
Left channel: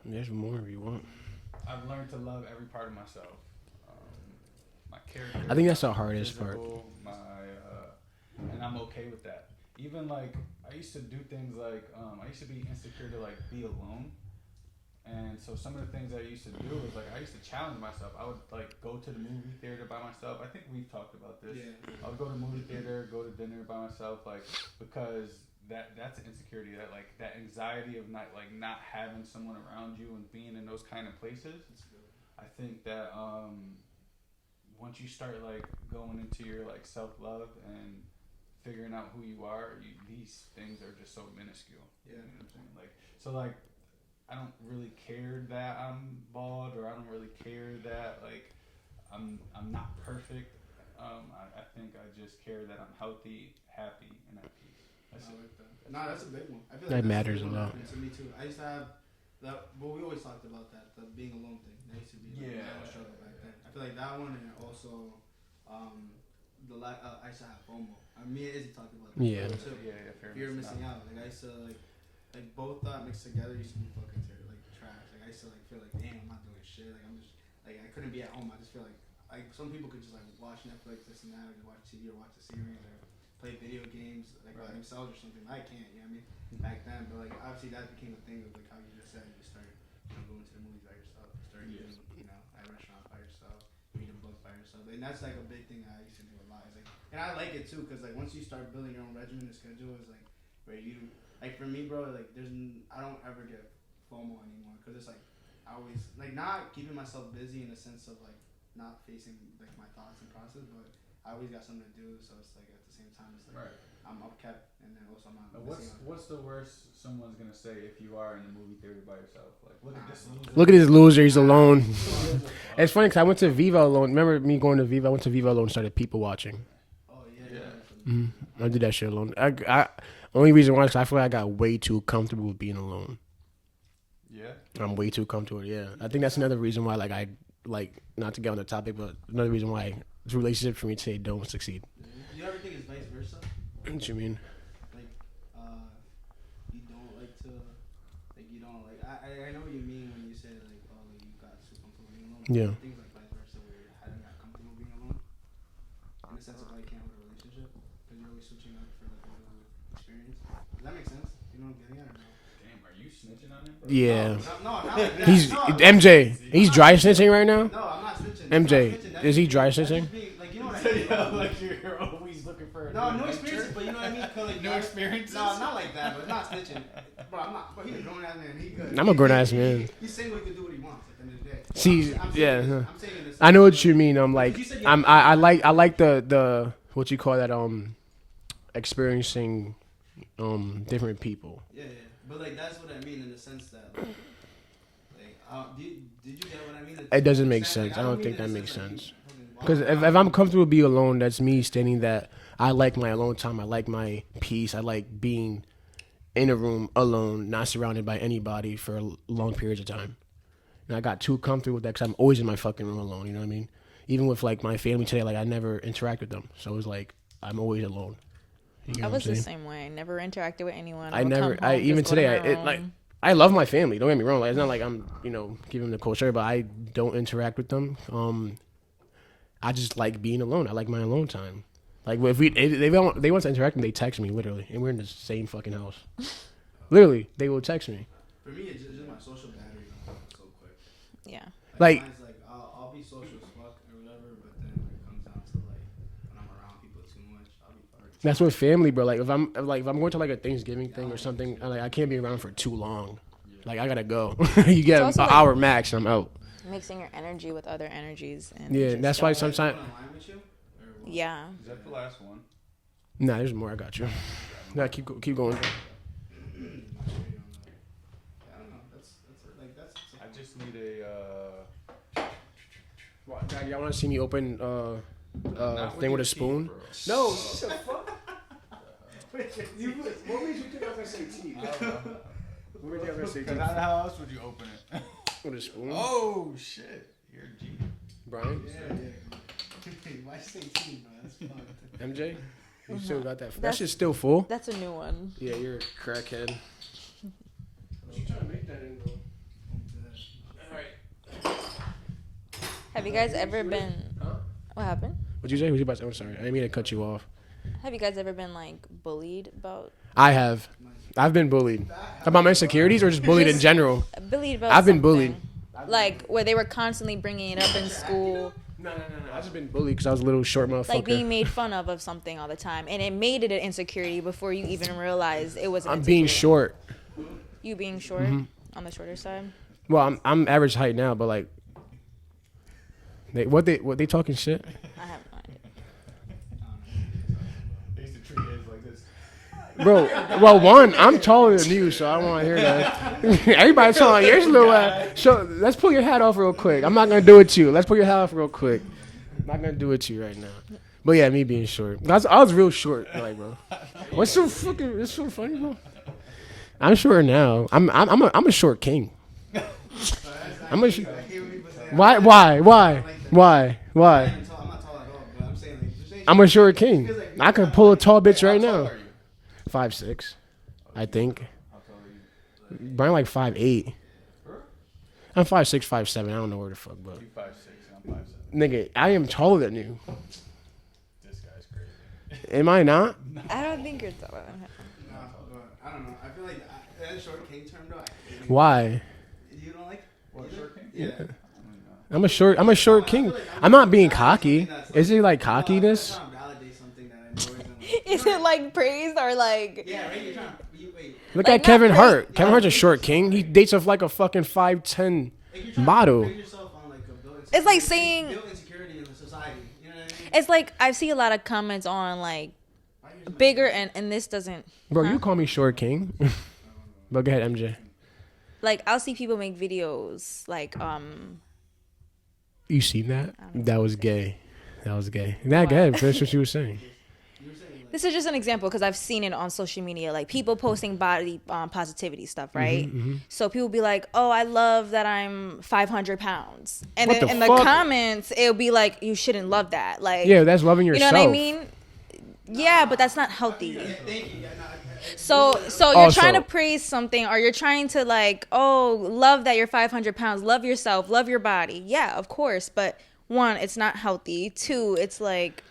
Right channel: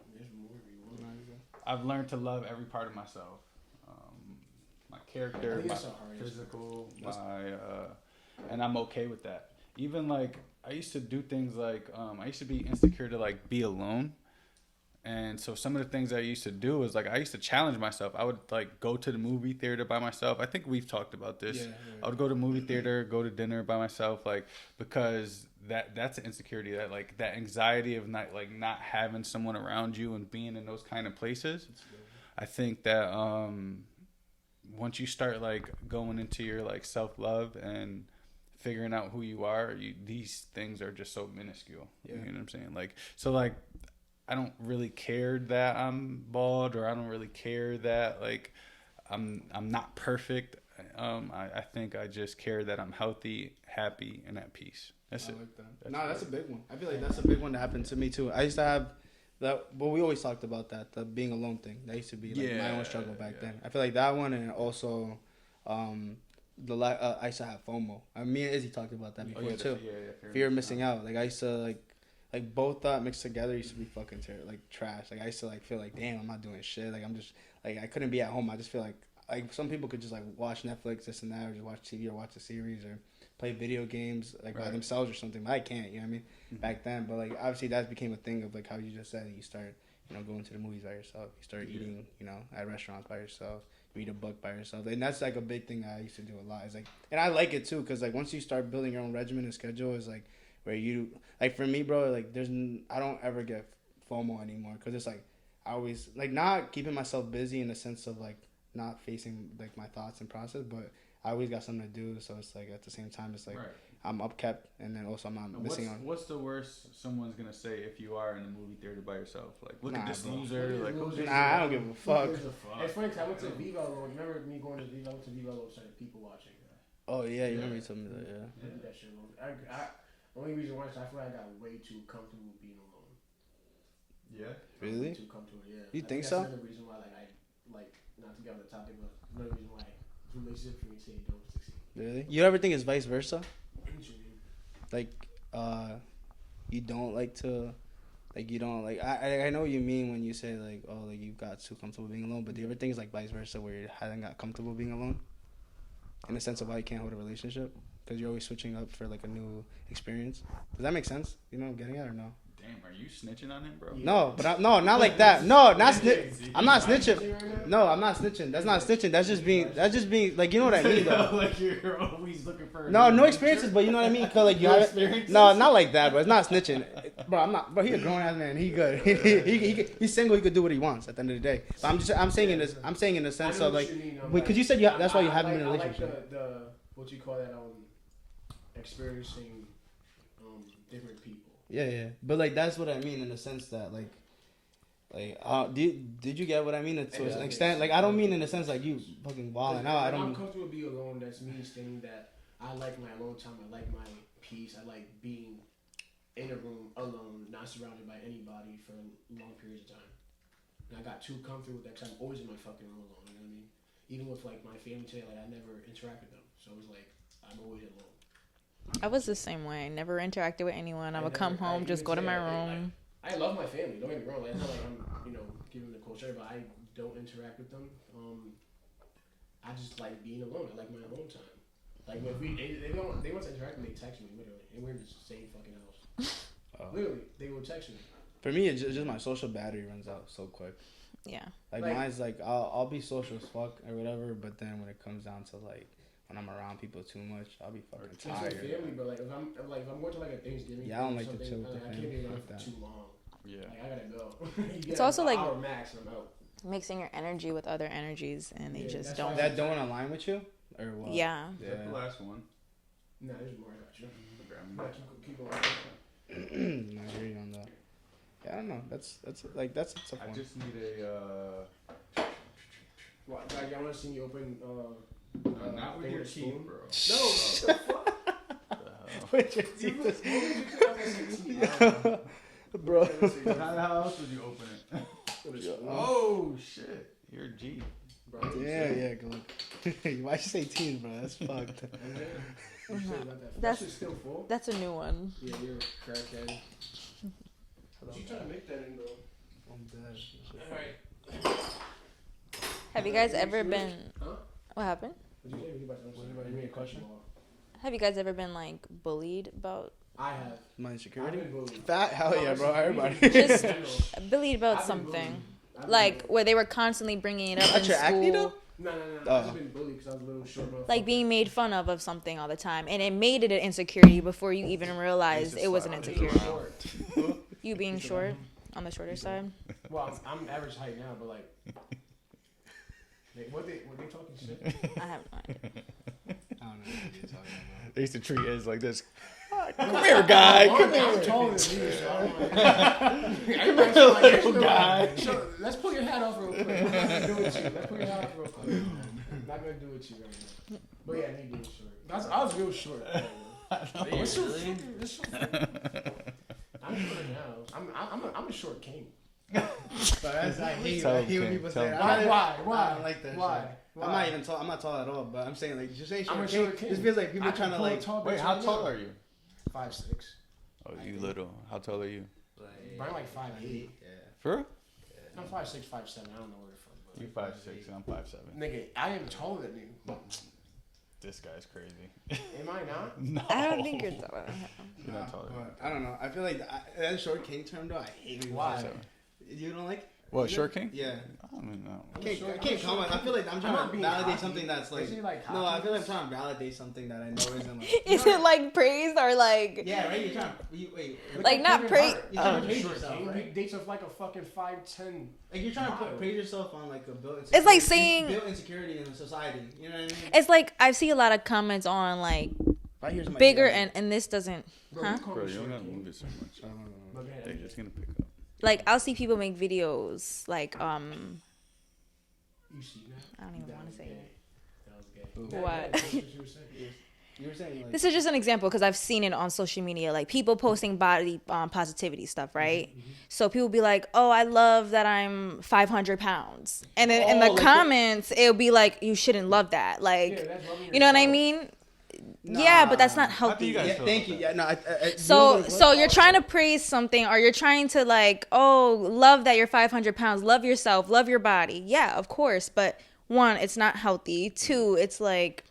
there's more if you want. I've learned to love every part of myself. My character. I think that's the hardest part. And I'm okay with that. Even like I used to do things like I used to be insecure to like be alone. And so some of the things I used to do is like I used to challenge myself. I would like go to the movie theater by myself. I think we've talked about this. Yeah. I would go to movie theater, go to dinner by myself, like because that's an insecurity, that like that anxiety of not having someone around you and being in those kind of places. I think that once you start like going into your like self-love and figuring out who you are, these things are just so minuscule. Yeah. You know what I'm saying? Like so like I don't really care that I'm bald, or I don't really care that like I'm not perfect. I think I just care that I'm healthy, happy, and at peace. That's it. Like that's a big one. I feel like that's a big one that happened to me too. I used to have that, but we always talked about that, the being alone thing. That used to be like my own struggle back then. I feel like that one, and also I used to have FOMO. Me and Izzy talked about that before too. Fear of missing out. Like I used to like both that mixed together used to be fucking like trash. Like I used to like feel like damn, I'm not doing shit. Like I'm just like I couldn't be at home. I just feel like some people could just like watch Netflix, this and that, or just watch TV or watch a series or play video games like by themselves or something. But I can't, you know what I mean? Back then, but like obviously that became a thing of like how you just said, you start going to the movies by yourself, you start eating at restaurants by yourself, you read a book by yourself, and that's like a big thing I used to do a lot. It's like, and I like it too, because like once you start building your own regimen and schedule, is like where you like, for me, bro, like I don't ever get FOMO anymore, because it's like I always like not keeping myself busy in the sense of like not facing like my thoughts and process, but I always got something to do, so it's like at the same time it's like I'm upkept, and then also I'm not missing on. What's the worst someone's gonna say if you are in the movie theater by yourself? Like, look at this loser. Look at this loser. He's alone. It's funny because I went to Viva alone. Remember me going to Viva? I went to Viva alone and started people watching. Oh yeah, you remember something. I did that shit alone. I only reason why is I feel like I got way too comfortable with being alone. Yeah, I'm way too comfortable. Yeah, I think that's another reason why I not to get on the topic, but another reason why this relationship for me today don't succeed. Really? You ever think it's vice versa? What you mean? Like, you don't like to, like you don't like. I know what you mean when you say like, oh, like you got too comfortable being alone. But the thing is like vice versa, where you hadn't got comfortable being alone, in the sense of how you can't hold a relationship because you're always switching up for like a new experience. Does that make sense? You know what I'm getting at or no? Damn, are you snitching on him, bro? Yeah. No, but not like that. No, MJ. He's dry snitching right now? No, I'm not snitching. That's MJ. not snitching. That's is just he being, dry snitching? That's just being, like, you know what I mean? Like you're always looking for no experiences, but you know what I mean? Cause like, experiences? No, not like that, but it's not snitching. Bro, I'm not. Bro, he's a grown ass man. He good. I'm a grown ass man. He's single. He could do what he wants at the end of the day. See, I'm saying in the sense. I know what like, you mean. I'm like, you said I like the what you call that experiencing different people. Yeah. But like that's what I mean in the sense that did you get what I mean? It doesn't make sense. Like I don't mean in the sense like you fucking. Because if I'm comfortable being alone, that's me stating that I like my alone time. I like my peace. I like being in a room alone, not surrounded by anybody for long periods of time. And I got too comfortable with that because I'm always in my fucking room alone. You know what I mean? Even with like my family today, like I never interact with them, so it was like I'm always alone. I was the same way. Never interacted with anyone. I would come home, just go to my room. I love my family. Don't get me wrong. Like, it's not like I'm, giving them the cold shoulder, but I don't interact with them. I just like being alone. I like my alone time. Like if they want to interact, they text me literally, and we're in the same fucking house. Literally, they will text me. For me, it's just my social battery runs out so quick. Yeah. Like mine's like I'll be social as fuck or whatever, but then when it comes down to like when I'm around people too much, I'll be fucking tired. That's with family, bro. Like if I'm going to like a Thanksgiving thing or something, I can't be around for too long. Yeah. Like I gotta go. You get an hour max, and I'm out. Mixing your energy with other energies, and that's why sometimes. Is align with you? Or what? Yeah. Is that the last one? Nah, there's more. I got you. Nah, keep going. I don't know. That's I just need a. Y'all want to see me open thing with a spoon? Bro. No. What would you do? Bro, how else would you open it? With a spoon. Oh shit, you're a G. Brian? Yeah, go. Why'd you say teen, bro? That's fucked. MJ? You still got that? That shit's still full? That's a new one. Yeah, you're a crackhead. You trying to make that in, bro? Alright. Have you guys ever been... Huh? What happened? What'd you say? What you about to say? I'm sorry. I didn't mean to cut you off. Have you guys ever been, like, bullied about... I have. I've been bullied. About my insecurities or just bullied in general? Bullied about I've been something. bullied. Like, where they were constantly bringing it up in school. No. I've just been bullied because I was a little short motherfucker. Like, being made fun of something all the time. And it made it an insecurity before you even realized it was an insecurity. Being short. You being short? On the shorter side? Well, I'm average height now, but like... What they talking shit? I have no idea. They used to treat it like this. Bro, well, one, I'm taller than you, so I don't want to hear that. Everybody's taller. Here's a little. So let's pull your hat off real quick. I'm not gonna do it to you. Let's pull your hat off real quick. I'm not gonna do it to you right now. But yeah, me being short. I was real short, like, bro. What's so fucking? It's so funny, bro. I'm short now. I'm a short king. I'm a why? I'm not tall at all, but I'm saying I'm a short king. I can pull a tall bitch right now. 5'6", I think. How tall are you? Brian like 5'8". For real? I'm 5'6", 5'7". I don't know where the fuck, bro. You 5'6" and I'm 5'7". Nigga, I am taller than you. This guy's crazy. Am I not? No. I don't think you're taller than him. I don't know. I feel like that short king term though. I hate it. Why? You don't like? What, short king? Yeah. I'm a short king. I'm not being cocky. Is it like cockiness? I'm trying to validate something that I know isn't. Is it like praise or like? Yeah, right. You're trying. Wait. Look Like, at Kevin not Hart. Kevin Hart's a short king. He dates off like a fucking 5'10" model. Yourself on like a It's like saying. built insecurity in society. You know what I mean? It's like I see a lot of comments on like bigger and this doesn't. Bro, you call me short king. But go ahead, MJ. Like I'll see people make videos like You seen that? That was gay. That was gay. Nah, What? go ahead. That's what you were saying. This is just an example because I've seen it on social media, like people posting body positivity stuff, right? So people be like, "Oh, I love that I'm 500 pounds," and then in the comments, it'll be like, "You shouldn't love that." Like, Yeah, that's loving yourself. you know what I mean? Yeah, but that's not healthy. Yeah, thank you. Yeah, no. So you're Also- trying to praise something, or you're trying to like, oh, love that you're 500 pounds, love yourself, love your body. Yeah, of course, but one, it's not healthy. Two, it's like.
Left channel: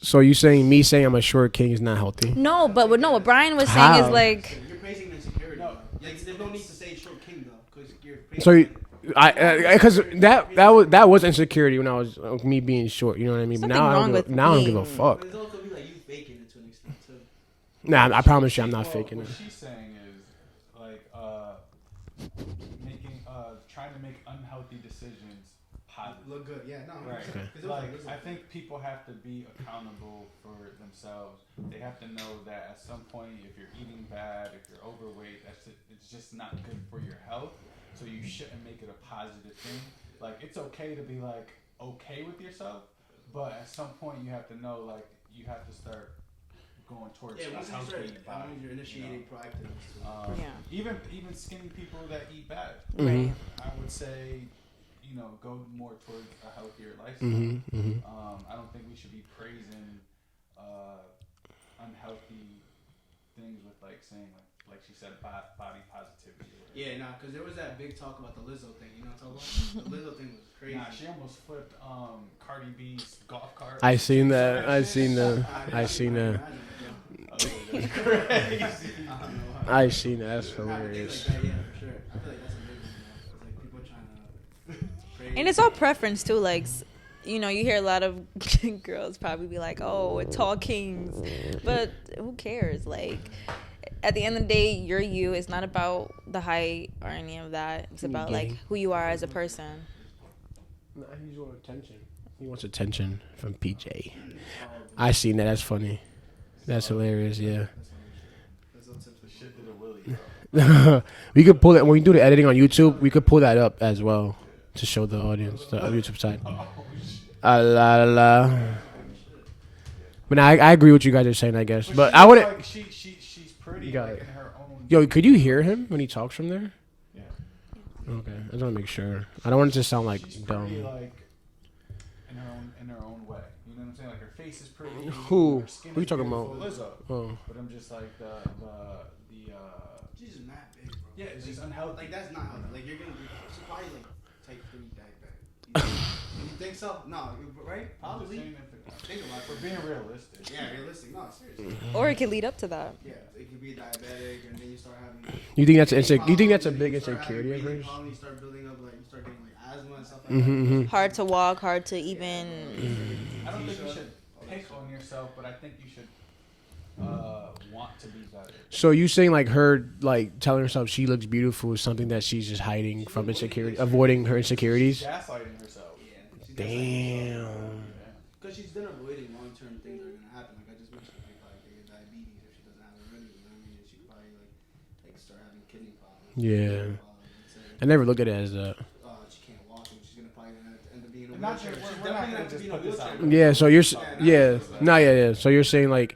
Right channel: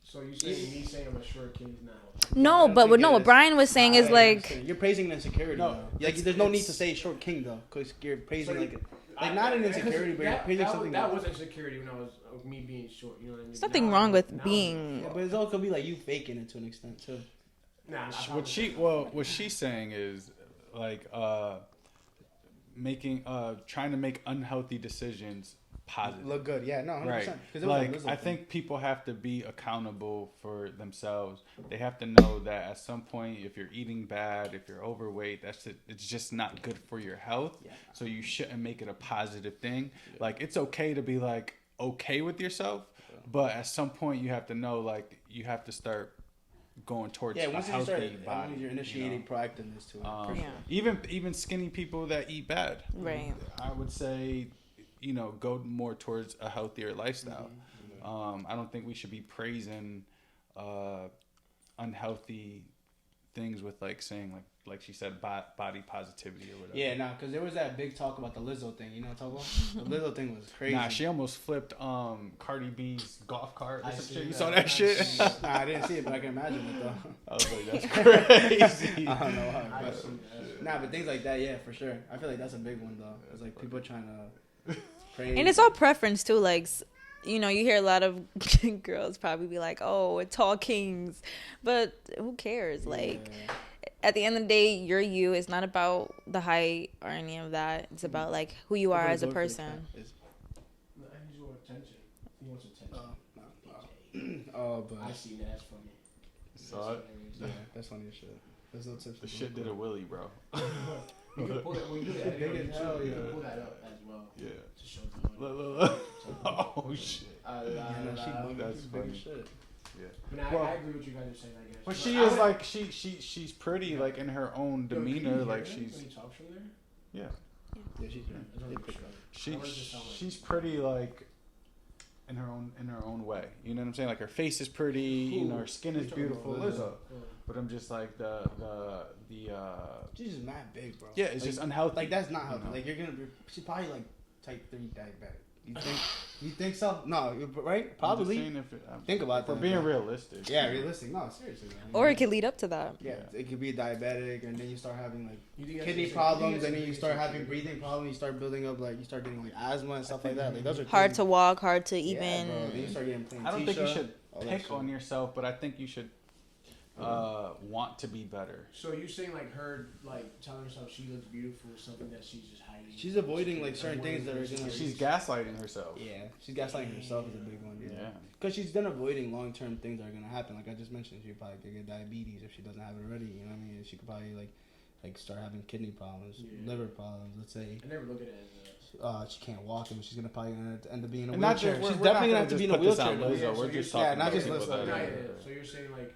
So you saying me saying I'm a short king is not healthy? No, but what Brian was saying is How? like. You're praising insecurity. No, there's no need to say short king though, because you're praising. So because that was insecurity when I was me being short. You know what I mean? Something wrong with now I don't give a fuck. But it all could be like you faking it to an extent too. Nah, I promise you, I'm not faking. What it. she's saying is like trying to make unhealthy decisions positive. Look good, yeah, no, 100%. Right. 'Cause Like I think people have to be accountable for themselves. They have to know that at some point, if you're eating bad, if you're overweight, it's just not good for your health. So you shouldn't make it a positive thing. Like it's okay to be like okay with yourself, but at some point you have to know like you have to start going towards a once healthy body. you're initiating proactiveness too. Even skinny people that eat bad. Right. I would say, go more towards a healthier lifestyle. I don't think we should be praising unhealthy things with like saying like she said body positivity or whatever. Yeah, because there was that big talk about the Lizzo thing. You know what I'm talking about? The Lizzo thing was crazy. Nah, she almost flipped Cardi B's golf cart. I seen that. I seen that. I seen that. I was like, that's crazy. I don't know. I seen that. That's Nah, but things hilarious. like that, yeah, for sure. I feel like that's a big one though. It's like people trying to. And it's all preference too. Like, you know, you hear a lot of girls probably be like, "Oh, tall kings," but who cares? Like, at the end of the day, you're you. It's not about the height or any of that. It's about like who you are as a person. Nah, he just wants attention. He wants attention from PJ. I seen that. That's funny. That's hilarious. Yeah. That's funny shit. There's no tips. The shit did a Willie, bro. We could pull that when we do the editing on YouTube. We could pull that up as well to show the audience the YouTube side. Oh shit. La la la. But now, I agree with what you guys are saying, I guess. But I wouldn't. Like, she's pretty like in her own. Yo, could you hear like, him when he talks from there? Yeah. Okay, I just want to make sure. I don't want it to sound like she's pretty dumb. like in her own way. You know what I'm saying? Like her face is pretty. Who? Her skin Who you is talking beautiful. about? Lizzo. Oh. But I'm just like the She's just mad big, bro. yeah, it's just unhealthy. Like that's not healthy. Like you're gonna be. She's probably like type 3 diabetic. You think so? No, right? Probably. Think about it. For being realistic. Yeah, realistic. No, seriously. Or it could lead up to that. Yeah, it could be diabetic, and then you start having. You think that's kidney you think that's a problems, big and then you start having insecurity? breathing problems. You start building up like you start getting like asthma and stuff like that. Mhm, Those are mhm. Hard things- to walk, hard to Yeah, even. bro, you start getting I don't think you alopecia, should all that pick shit. on yourself, but I think you should want to be better. So you saying like her like telling herself she looks beautiful is something that she's just hiding She's from avoiding, insecurity, like, certain avoiding things her that- insecurities. She's gaslighting herself. Yeah, she's gaslighting herself. Damn. Yeah. Because she's then avoiding long-term things that are gonna happen. Like I just mentioned, she probably could get diabetes if she doesn't have it already. You know what I mean? She could probably like start having kidney problems. Yeah. liver problems, let's say. I never looked at it as that. She can't walk, and she's gonna probably end up being in a And not wheelchair. just- She's we're not definitely gonna gonna have to be in just a put this wheelchair. out though. there. Yeah. So you're Yeah, not yeah. just those. No. Yeah. So you're saying like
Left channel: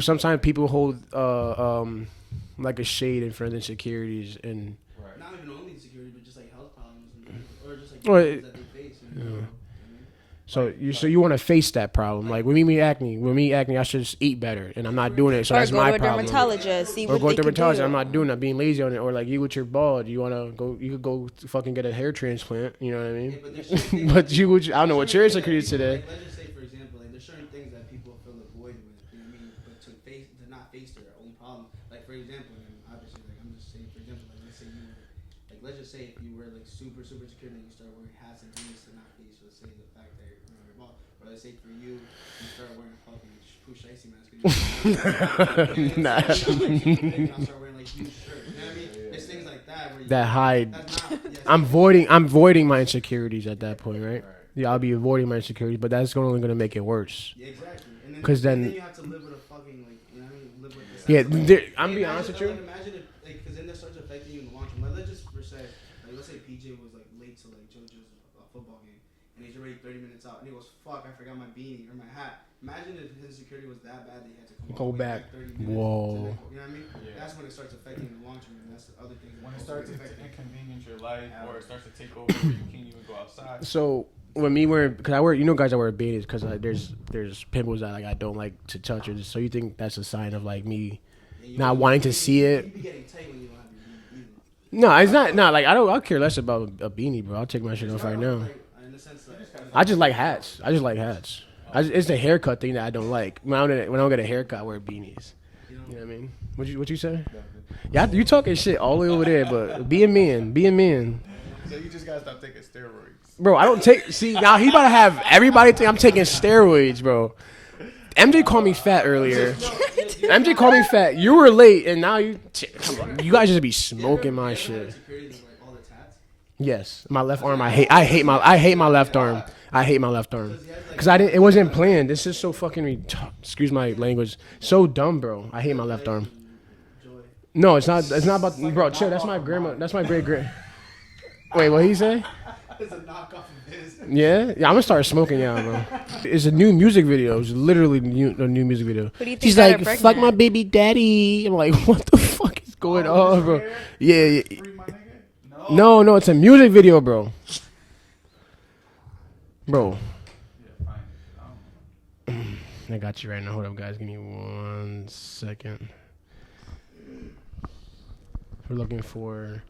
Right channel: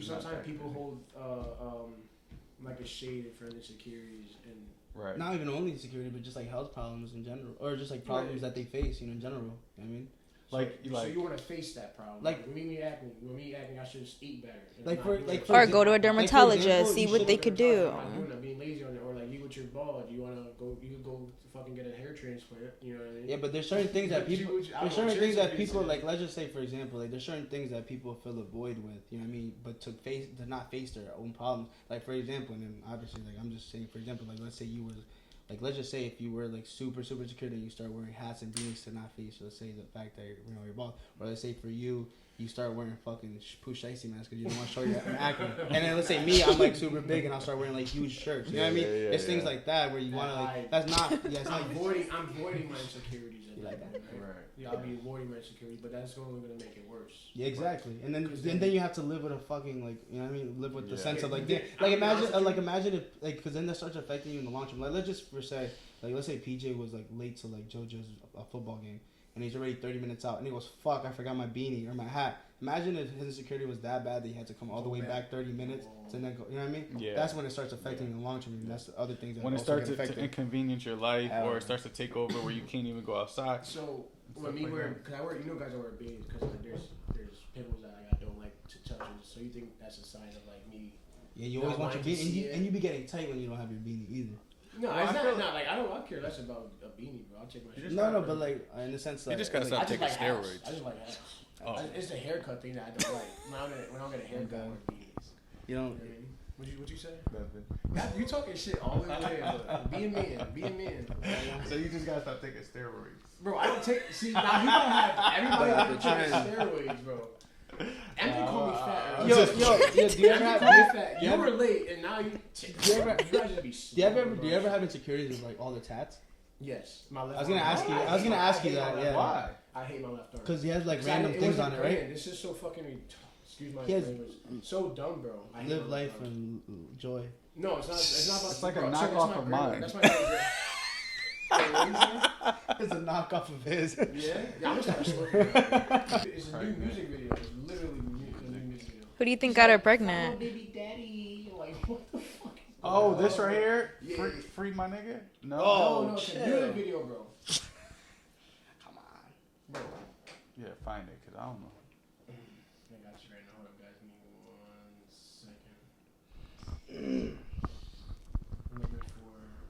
sometimes people hold like a shade in front of insecurities and. Right. Not even only insecurity, but just like health problems in general, or just like Well, problems that they face in general. You know what I mean? So Like- you want to face that problem. Like- Like when me acne, I should just eat better, and I'm Like, not for doing it. So Or that's go my to a problem. dermatologist, see Or what go they to could dermatologist. do. I'm not doing that. Being lazy on it, or like you with your bald, you wanna go. You could go fucking get a hair transplant. You know what I mean? Yeah, but there's certain things. But that you people- would. I don't know what your there's certain insecurities things that today. people, Like, let's just say, for example, like there's certain things that people fill a void with. You know what I mean? But to not face their own problems. Like for example, and then obviously, like I'm just saying, for example, like let's say you were. Like let's just say if you were like super secure and you start wearing hats and beanies to not face, let's say the fact that you're bald, or let's say for you start wearing fucking push icy masks because you're and then let's say me, I'm like super big and I start wearing like huge shirts. You know what I mean? It's things like that where you That hide. That's not. Yes, I'm voiding my insecurities at that point, right? Right. Yeah, I'll be avoiding my insecurities, but that's only gonna make it worse. Yeah, exactly. And then 'Cause then- you have to live with a fucking like you know what I mean? Live with the sense Yeah, of, like, there- like, I'm being honest imagine with you. like imagine if like because then that starts affecting you in the long term. Like let's just for say like let's say PJ was like late to like JoJo's football game and he's already 30 minutes out and he goes fuck I forgot my beanie or my hat. Imagine if his insecurity was that bad that he had to come all Go the way back. back 30 minutes. Whoa. To then go, you know what I mean? Yeah. That's when it starts affecting you in the long term. And that's the other things that When it also starts get to affected. inconvenience your life, or it starts to take over where you can't even go outside. So when me wearing, because I wear, guys, I wear beanies because there's pimples that like I don't like to touch. Or just, so you think that's a sign of like me? Yeah, you not always- wanting to you- see you- it. You be getting tight when you don't have your beanie either. No, it's not. No, like I care less about a beanie, bro. I'll take my shit off right No, now. but, like, in the sense that just gotta like, stop I just like steroids. hats. I just like hats. It's the haircut thing that I don't like. When I don't get a haircut, I wear beanies. you know. You know what I mean? What you say? Yeah, you talking shit all the way over there, but be a man, So you just gotta stop taking steroids. bro. I don't take. See now he about to have everybody think I'm taking steroids, bro. MJ called me fat earlier. MJ called me fat. You were late, and now you guys just be smoking my You ever have shit. insecurities like all the tats? Yes, my left I was arm. gonna I hate. ask- I hate my. I hate my yeah, left yeah. arm. I hate my left arm. 'Cause he has, like, Cause I didn't. It things wasn't on it. planned. This is so fucking. Excuse my language. So dumb, bro. I hate my left arm. Joy. No, it's not. It's not about. It's like Bro, a chill. That's knockoff my of grandma. mine. That's my great grand. Wait, what he say? It's a knockoff of his. Yeah, I'm gonna start smoking now, bro. It's a new music video. It's literally a new music video. Who do you think She's got her like, pregnant? "Fuck my baby daddy." I'm like, what the fuck is going Oh, this on, right bro? here? Yeah, yeah. Free my nigga? No, it's a music video, bro. Bro, Yeah, find it, 'cause I don't know. I got you right now. Hold up, guys. Give me 1 second. We're looking for.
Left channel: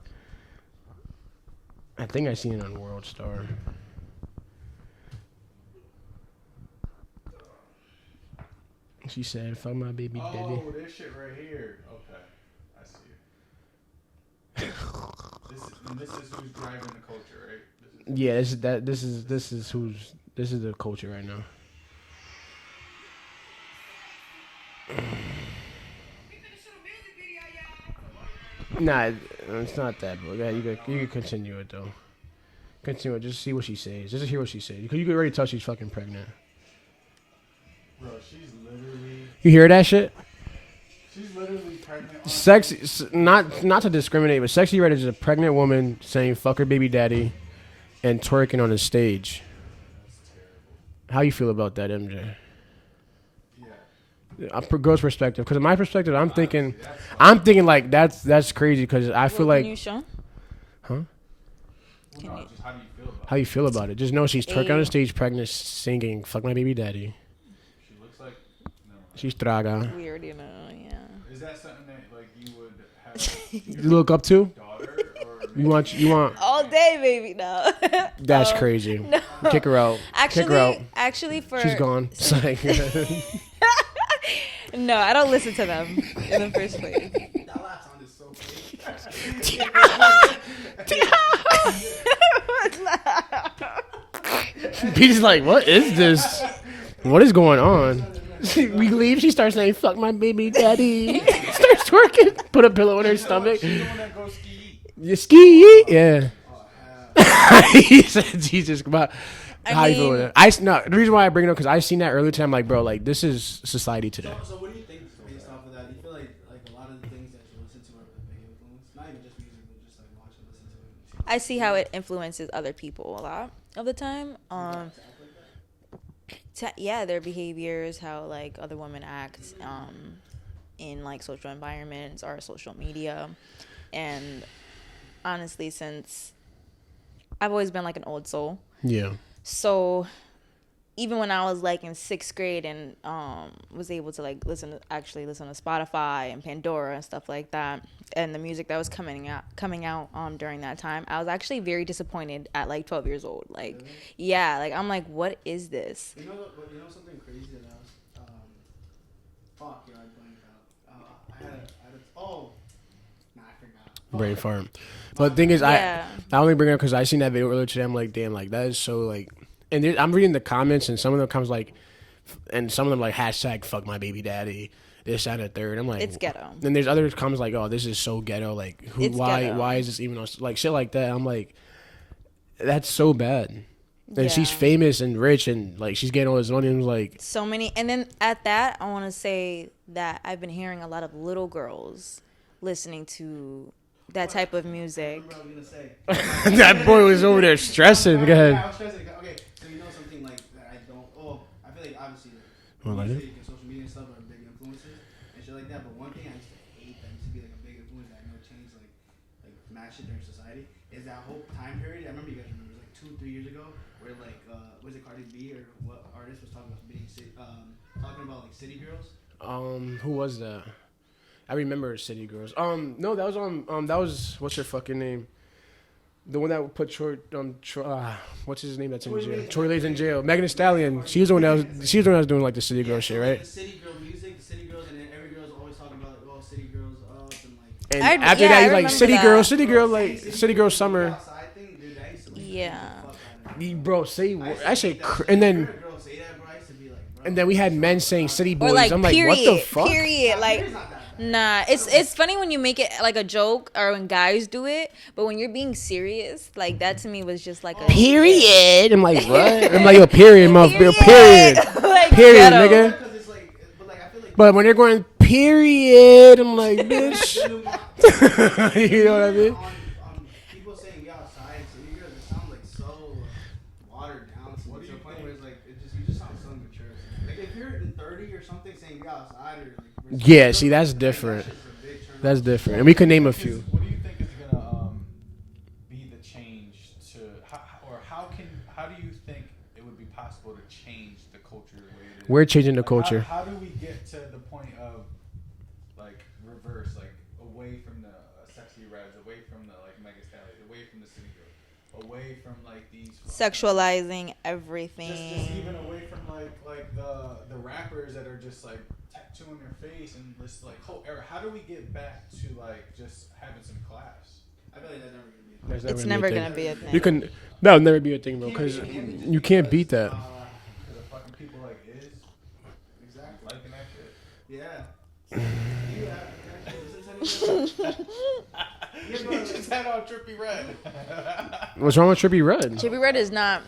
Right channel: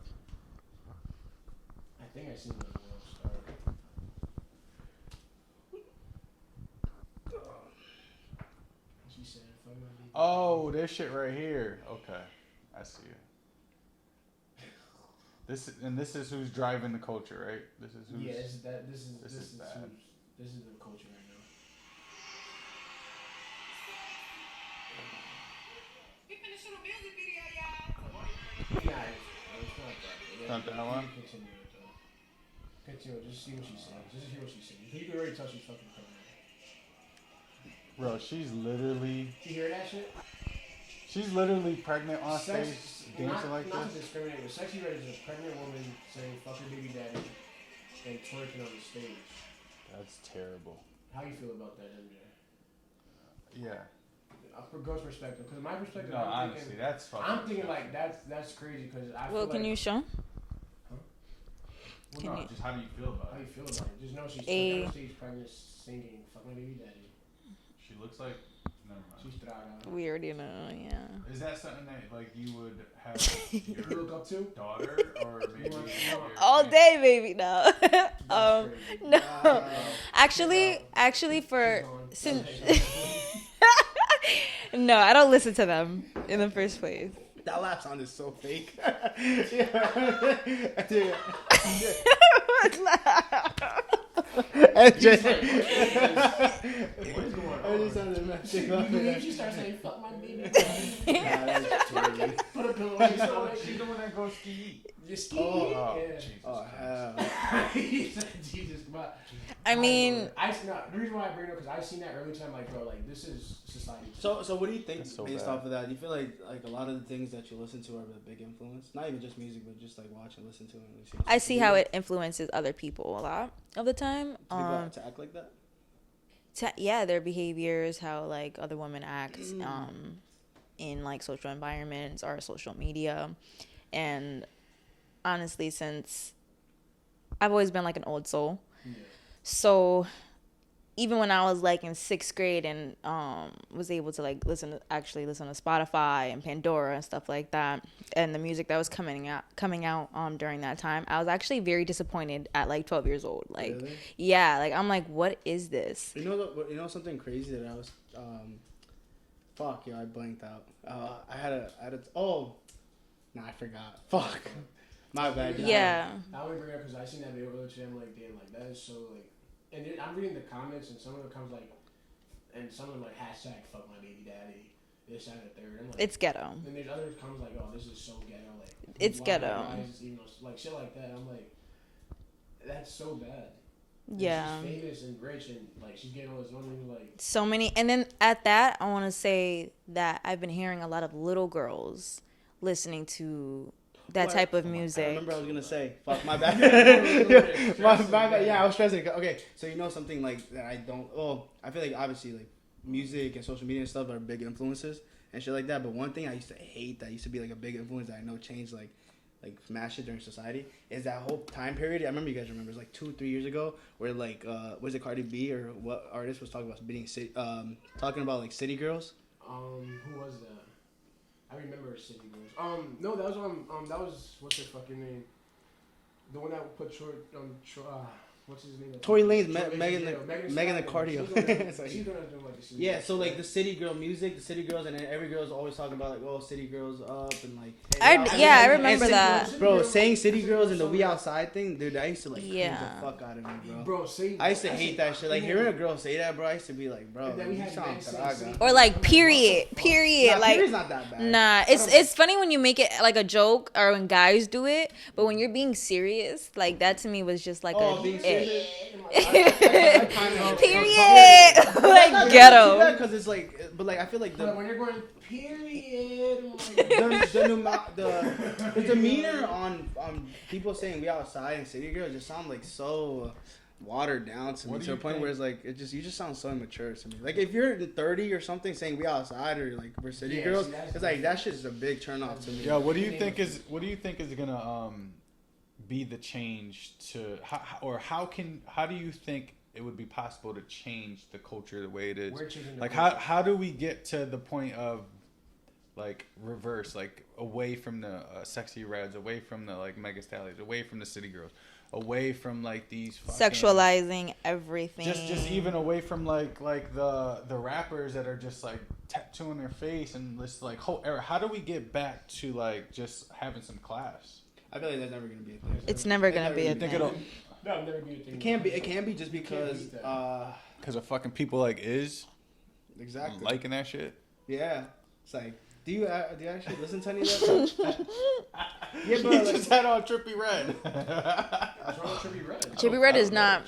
I think I seen it on World Star. She said, "Fuck my baby daddy." Oh, this shit right here. Okay, I see it. This is who's driving the culture, right? This is the culture right now. Nah, it's not that, bro. Yeah, you can continue it though. Continue it. Just see what she says. Just hear what she says. You can already tell she's fucking pregnant. Bro, she's literally. You hear that shit? She's literally pregnant. On Sexy, not to discriminate, but Sexy Red is a pregnant woman saying "fuck her baby daddy" and twerking on the stage. That's terrible. How you feel about that, MJ? Yeah. From girl's perspective, because in my perspective, I'm thinking like that's crazy because I feel like. Can you show? Huh? Well, no, just how do you feel about it? How you feel about it? Just know she's twerking on the stage, pregnant, singing "fuck my baby daddy." She looks like. Never mind. She's traga. We already know, yeah. Is that something that like you would have? You look up to? Daughter or You want all day, baby. No. That's crazy. No. Kick her out. Actually, for she's gone. No, I don't listen to them in the first place. That laugh sounded so fake. He's like, what is this? What is going on? We leave. She starts saying, "Fuck my baby daddy." Starts twerking. Put a pillow in her stomach. She's the one that goes ski. You ski? Yeah. Oh, hell. He said, "Jesus, come on." I mean, no. The reason why I bring it up because I seen that earlier today. I'm like, bro, like this is society today. So what do you think based off of that? You feel like a lot of the things that you listen to are a big influence? Not even just music, but just like watch and listen to it. I see how it influences other people a lot of the time. To act like that? Yeah, their behaviors, how like other women act, in like social environments or social media, and honestly, since I've always been like an old soul, Yeah. so even when I was like in 6th grade and was able to like listen to Spotify and Pandora and stuff like that, and the music that was coming out during that time, I was actually very disappointed at like 12 years old. Like, really? Yeah, like I'm like, what is this? You know something crazy that I was I blanked out. I forgot. Brain farm. So the thing is, I only bring it up because I seen that video earlier today. I'm like, damn, like that is so like. And I'm reading the comments, and some of them comes like, and some of them like hashtag fuck my baby daddy, this, that, and the third. I'm like, it's ghetto. Then there's others comes like, oh, this is so ghetto. Like, why is this even like shit like that? I'm like, that's so bad. And she's famous and rich, and like she's getting all this money. And like so many. And then at that, I want to say that I've been hearing a lot of little girls listening to that type of music. I remember I was gonna say that boy was over there stressing. Go ahead. Yeah, I was stressing. Okay, so you know something like that I don't. Oh, I feel like obviously like music and social media and stuff are big influences and shit like that. But one thing I used to hate that used to be like a big influence that I know changed like smash shit during society is that whole time period. I remember you guys remember it was like 2-3 years ago where like was it Cardi B or what artist was talking about being talking about like city girls. Who was that? I remember City Girls. No, that was that was what's her fucking name? The one that put what's his name? Tory Lanez in jail. Megan Thee Stallion. She was the one that was doing like the City Girl shit, right? Like the City Girl music, the City Girls, and then every girl's always talking about like, oh, City Girls up and like. And after that, I remember like, City Girl, like City Girl summer. Outside thing, dude. I used to like. Yeah. The fuck out of me, bro, say I say, that shit. and then you're a girl say that, bro. I used to be like, bro. And then we had men saying City Boys. Or like I'm period, like, period. Like, nah, it's funny when you make it like a joke or when guys do it, but when you're being serious, like that to me was just like a period. I'm like, what? I'm like, a period, motherfucker. Period. Like period, ghetto. nigga. Because it's like, but like I feel like. But when they're going period, I'm like, bitch. You know what I mean? On people saying we outside and City Girls just sound like so watered down to me to the point where it's like you just sound so immature to me. Like if you're 30 or something saying we outside or like we're girls, see that's different. Like, that shit's a big turn That's off. different. And we can name a few. What do you think is gonna be the change to how do you think it would be possible to change the culture the way it is? We're changing the like culture. How do we get to the point of like reverse, like away from the sexy reds, away from the like mega stallions, away from the city girls, away from like these sexualizing everything. Just even away from like the rappers that are just like tattooing their face and just like whole era. How do we get back to like just having some class? I feel like that's never gonna be a thing. It's never gonna be a thing. You can that'll never be a thing though, because you can't beat that. Because of fucking people like exactly liking that shit. Yeah. Do you actually listen to any of that? Yeah, but he just had on Trippie Redd. What's wrong with Trippie Redd? Trippie Redd is not.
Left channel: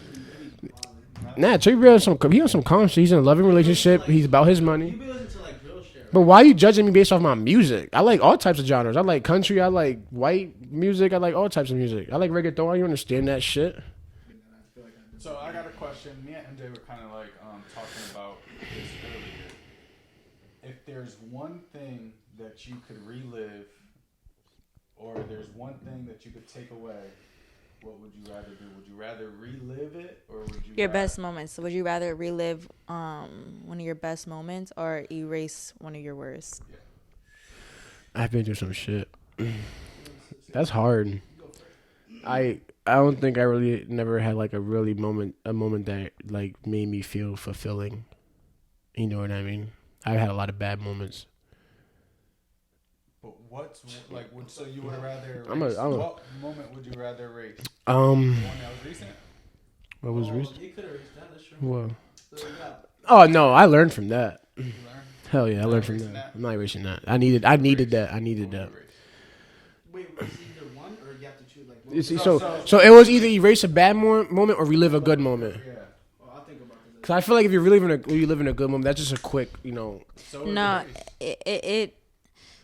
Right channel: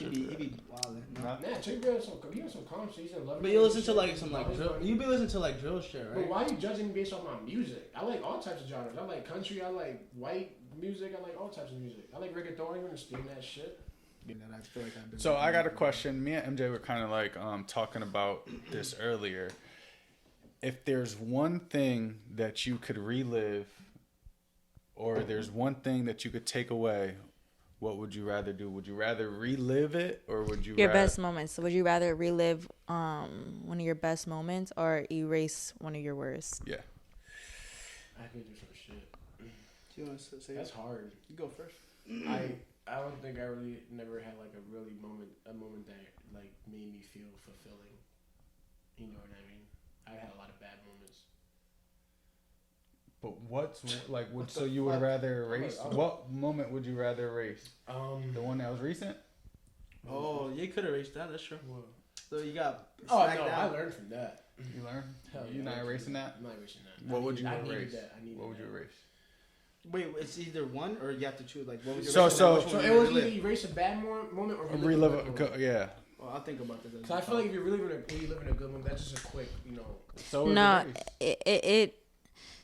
Nah, Trippie Redd he on some calm shit. He's in a loving relationship. He's about his money. You be listening to like drill shit, right? But why are you judging me based off my music? I like all types of genres. I like country. I like white music. I like all types of music. I like reggaeton. You understand that shit? So I got a question. Me and MJ were kind of like talking about this earlier. If there's one thing that you could relive, or there's one thing that you could take away, what would you rather do? Would you rather relive it, or would you Your best moments. So would you rather relive one of your best moments or erase one of your worst? Yeah. I've been through some shit. That's hard. I don't think I really never had like a moment that like made me feel fulfilling. You know what I mean? I've had a lot of bad moments. But what's like? So you would rather erase? What moment would you rather erase? The Um. one that was recent. What was recent? You could erase that. That's true. What? So you got. Oh no, I learned from that. You learned? Hell yeah, I learned from that. I'm not erasing that. I needed that. I needed that. Wait, it's either one or you have to choose like. So it was either erase a bad moment or relive a good moment. Yeah. Well, I'll think about this. Cause I feel like if you're reliving you live in a good moment, that's just a quick, you know. So No,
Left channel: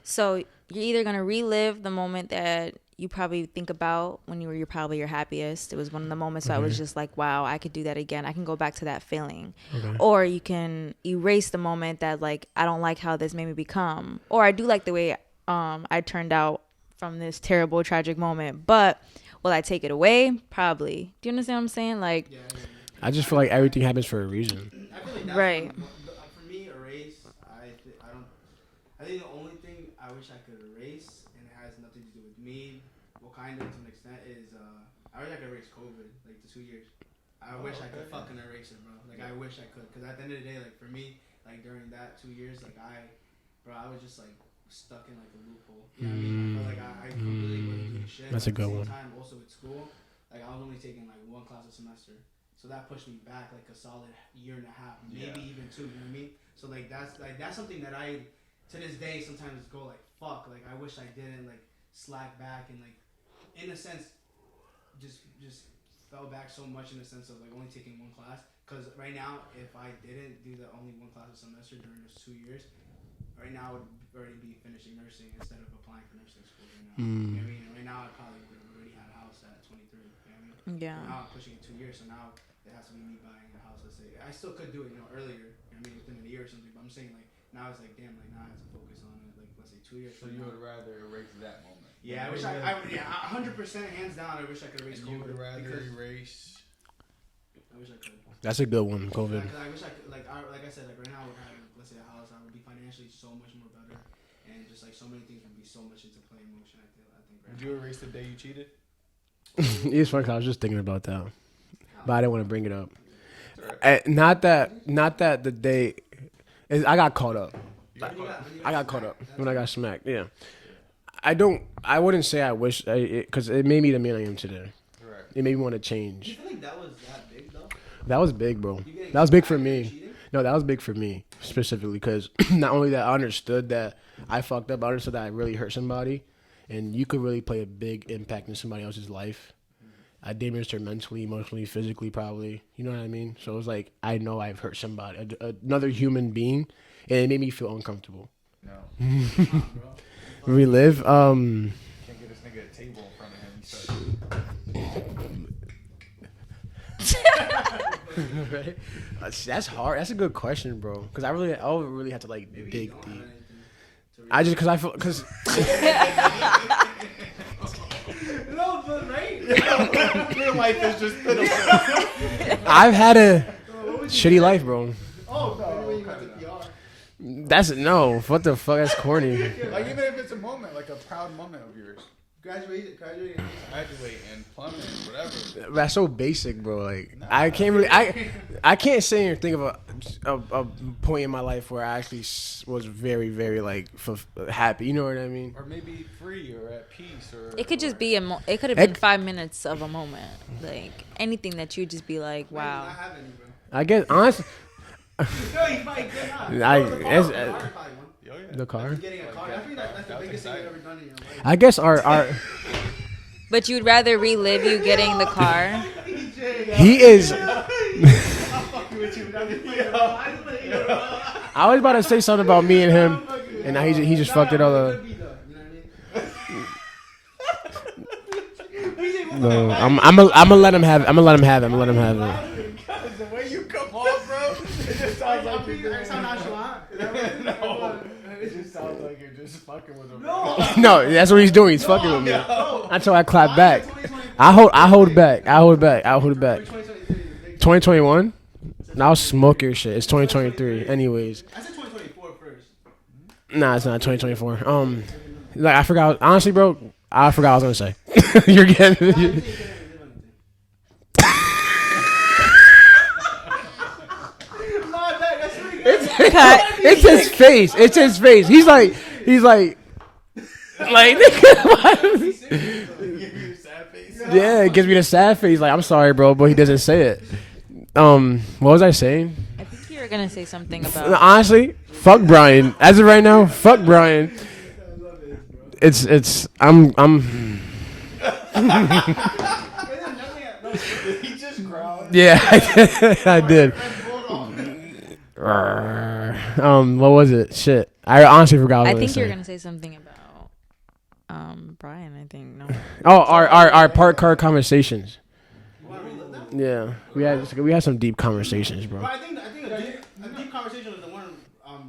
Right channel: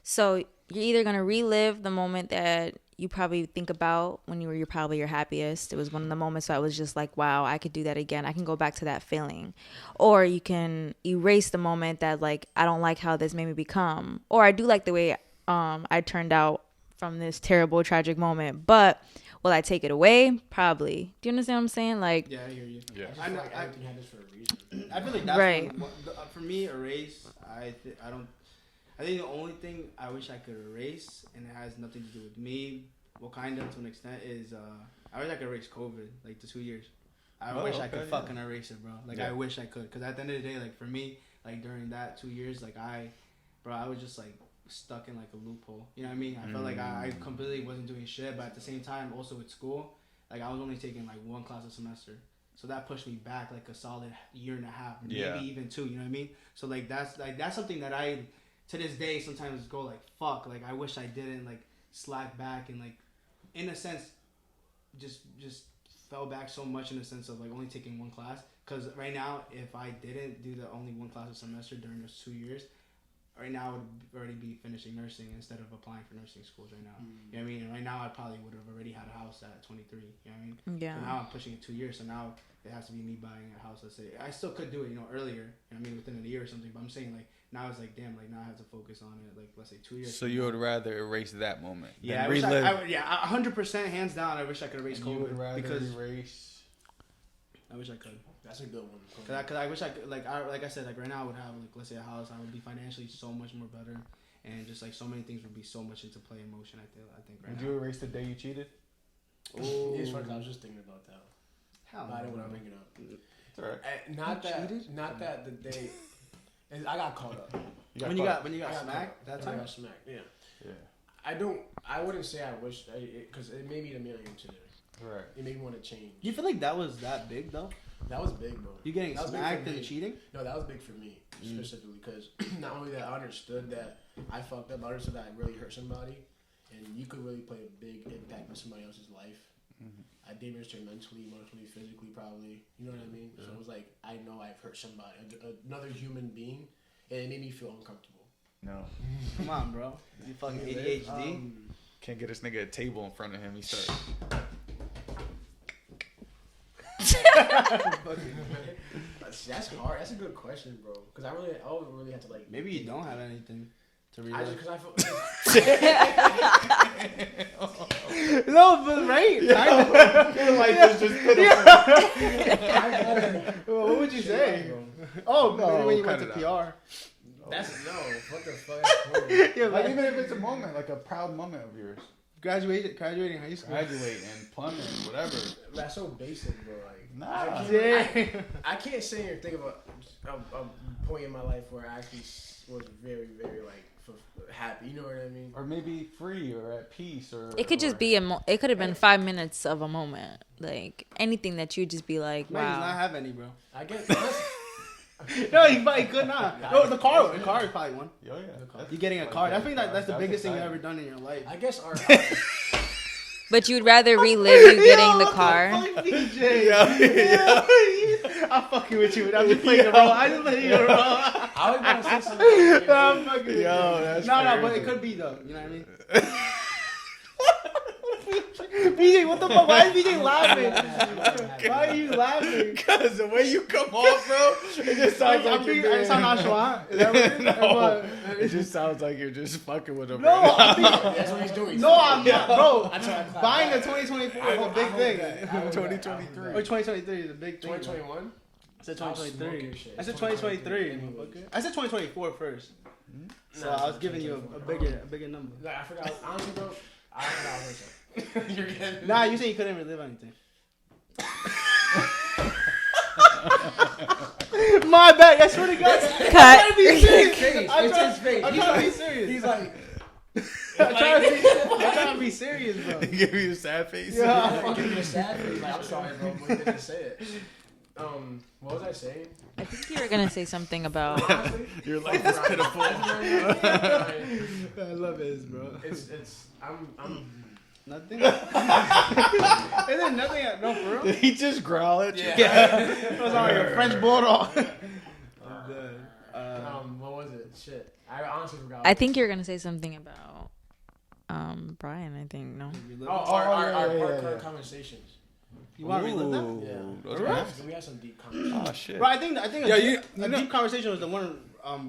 So you're either gonna relive the moment that you probably think about when you're probably your happiest. It was one of the moments I was just like, wow, I could do that again. I can go back to that feeling. Okay. Or you can erase the moment that like, I don't like how this made me become. Or I do like the way I turned out from this terrible, tragic moment. But will I take it away? Probably. Do you understand what I'm saying? Like, Yeah. I just feel like everything happens for a reason. I feel like that's right. For me, erase. I think the only thing I wish I could erase, and it has nothing to do with me, what kind of to an extent is I wish I could erase COVID, like the 2 years. I wish I could fucking erase it, bro. Like I wish I could, cause at the end of the day, like for me, like during that 2 years, like I was just like stuck in like a loophole. You know what I mean? I felt like I completely wasn't doing shit. That's but a good at the same one. time, also at school, like I was only taking like one class a semester. So that pushed me back like a solid year and a half, maybe even 2. You know what I mean? So like that's something that I, to this day, sometimes go like fuck. Like I wish I didn't like slack back and like, in a sense, just fell back so much in the sense of like only taking one class. Cause right now, if I didn't do the only one class a semester during those 2 years, right now I would already be finishing nursing instead of applying for nursing school right now. You know what I mean? And right now I probably would have already had a house at 23. You know what I mean? Yeah. And now I'm pushing it 2 years, so now it has to be me buying a house. Let's say I still could do it, earlier. You know what I mean, within a year or something. But I'm saying like now it's like damn, like now I have to focus on it. Like let's say 2 years. So you would rather erase that moment? Yeah, I wish I would, 100% hands down. I wish I could erase COVID. You would rather erase? I wish I could. That's a good one, COVID. Because I wish I could, like I said, like right now I would have, like, let's say a house. I would be financially so much more better, and just like so many things would be so much into play emotion. I think. Right Would you erase the day you cheated? It's funny 'cause I was just thinking about that, but I didn't want to bring it up. Right. Not that the day, I got caught up. I got caught up when I got smacked. Yeah. I wouldn't say I wish, because it made me the man I am today. Right. It made me want to change. Do you feel like that was that big though? That was big, bro. That was big for me. No, that was big for me specifically because not only that I understood that I fucked up, I understood that I really hurt somebody, and you could really play a big impact in somebody else's life. I damaged her mentally, emotionally, physically, probably. You know what I mean? So it was like I know I've hurt somebody, another human being, and it made me feel uncomfortable. No. Come on, bro. Relive. Can't get this nigga a table in front of him. He said. That's hard. That's a good question, bro. Because I would really have to like. Maybe you don't have anything to read. I just because I feel because. No, but right. I've had a shitty life, bro. Oh, when you went to PR. That's no. What the fuck? That's corny. Like even if it's a moment, like a proud moment of yours. Graduating high school. Graduating, plumbing, whatever. That's so basic, bro. Like I can't really, I can't sit here and think of a point in my life where I actually was very, very like happy. You know what I mean? Or maybe free or at peace. Or It could just be it could have been 5 minutes of a moment. Like anything that you just be like, wow. He does not have any, bro. I guess honestly. No, he probably could not. The car is probably one. Oh, yeah. The car. Like, getting a car. I think that's the biggest thing you've ever done in your life. I guess our But you'd rather relive you getting the car? he is. I'm fucking with you. I'm just playing it wrong. I just played it wrong. I was about to say something about me and him, and now he just fucked it all up. It could be though. You know what I mean? No, I'm gonna let him have it. I'm gonna let him have it. I'm gonna let him have it. Because the way you come off, bro, it just sounds like you're being... nonchalant. No, it just sounds like you're just fucking with him. No, that's what he's doing. He's fucking with me. That's why I clap back. I hold back. I hold back. 2021. Now smoke your shit. It's 2023. Anyways. I said 2024 first. Nah, it's not 2024. Like I forgot. Honestly, bro, I forgot what I was gonna say. You're getting. Nah, you said you couldn't relive anything. My bad. That's really good. It's his face. It's his face. He's like. Be serious, bro. He gave you the sad face. Yeah, it gives me the sad face. Like I'm sorry, bro, but he doesn't say it. What was I saying? I think you were gonna say something about. Honestly, fuck Brian. As of right now, fuck Brian. I love it, bro. It's I'm. And then nothing. No, bro. He just growled. Yeah, I did. French bulldog. What was it? Shit, I honestly forgot. What I was think you're saying. gonna say something about Brian. I think no. Oh, our park car conversations. You want to relive them? Yeah, we had some deep conversations, bro. Bro, I think a deep conversation was the one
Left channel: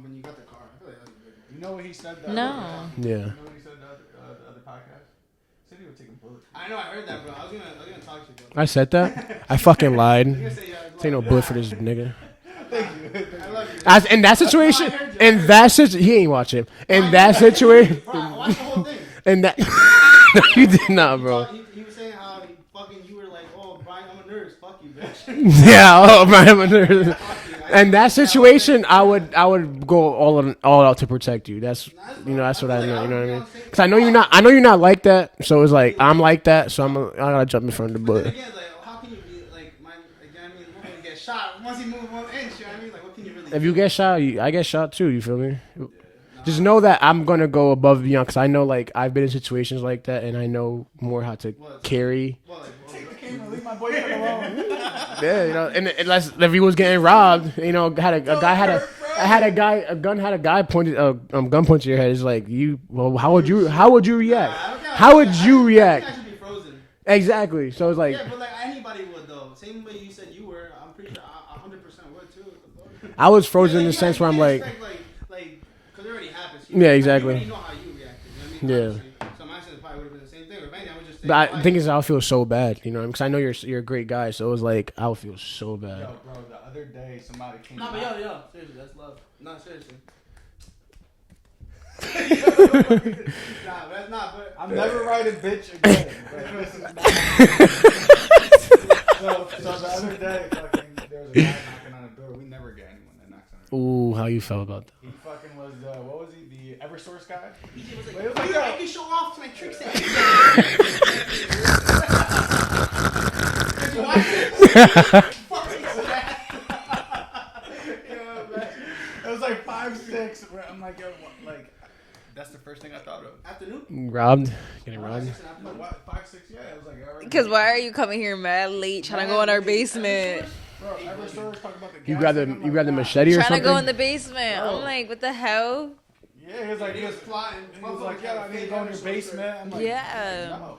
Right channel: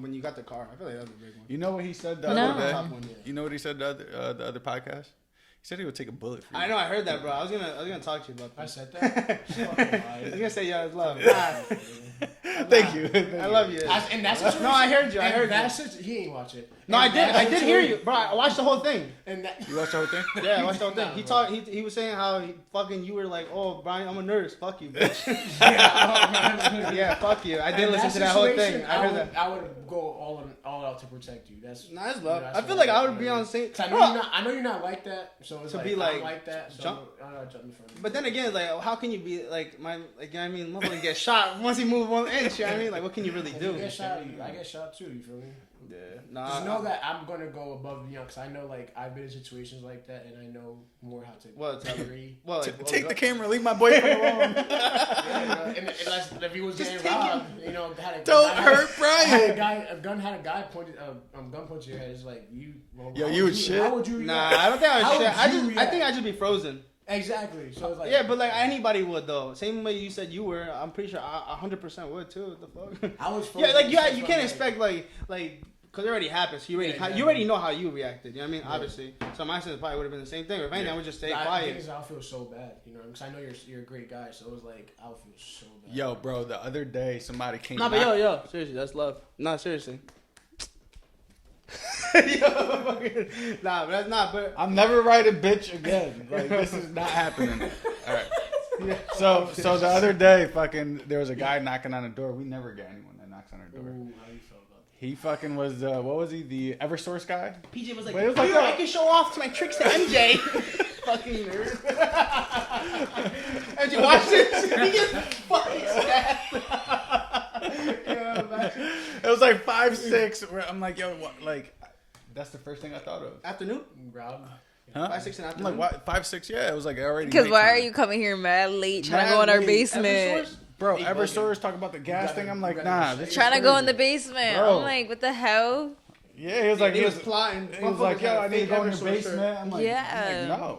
when you got the car. I feel like that was a big one. You know what he said the No. other day? Yeah. You know what he said the other podcast? He said he would take a bullet for you. I know, I heard that, bro. I was gonna talk to you about that. I said that. I fucking lied. I was gonna say yeah. Ain't no bullet for this nigga. Thank you. I love you. In that situation, No, I heard you. in that situation, he ain't watch it. In that situation, Bro, I watched the whole thing. in that, Yeah, you I did watched not, the bro. whole thing. He was saying how you were like, oh, Brian, I'm a nurse. Fuck you, bitch. Yeah, oh man. Yeah, fuck you. In that situation, I would go all out to protect you. That's Nice, that's I what feel I like I do. You would be know on what the I same- mean? Because I know you're not like that. So it's like I'm like that. So I gotta jump in front of the But then bullet. again, like, how can you be like, you know what I mean? Motherfucker get shot once he move 1 inch. You know what I mean? Like, what can you really do? If you get shot, I get shot too. You feel me? Nah. Just know that I'm gonna go above and beyond because I know like I've been in situations like that and I know more how to carry. Well, Take the camera, leave my boyfriend alone. Yeah, you know, and unless if he was getting robbed, you know, a guy had a gun pointed gun pointed to your head. It's like how would you react? Nah, I don't think How would you react? I think I'd just be frozen. Exactly. So it's like Yeah, but like anybody would though. Same way you said you were. I'm pretty sure I 100% would too. What the fuck? I was frozen Yeah, in the sense where I'm like, expect, like, because it already happened. So Yeah, You exactly. already know how you reacted. You know what I mean? Yeah. Obviously. So my sense probably would have been the same thing. If anything, I would just stay but quiet. the thing is, I feel so bad, you know, because I know you're a great guy. So it was like I would feel so bad. Yo, bro, the other day somebody came. No, but yo, seriously, that's love. No, seriously. Nah, but that's not. But I'm never writing bitch again. Like, this is not happening. So the other day, fucking, there was a guy knocking on the door. We never get anyone that knocks on our door. Ooh, how you felt about that? He fucking was, what was he, the Eversource guy? PJ was like, But it was dude, like I can show off to my tricks to MJ. Did you watch it? Fucking sad. Yeah, man. It was like 5'6", where I'm like, yo, what, like, that's the first thing I thought of. Afternoon? Robbed? Huh? 5'6" in I'm afternoon. like, what, 5'6", yeah, it was like already. Because why are you coming here mad late trying to go in our basement? Bro, Eversource talking about the gas You grab thing. I'm like, the nah. machete or Trying to something? go in the basement. Bro. I'm like, what the hell? Yeah, he was like, He was plotting. he was like, yo, I need to go in the basement. I'm like, Yeah. no.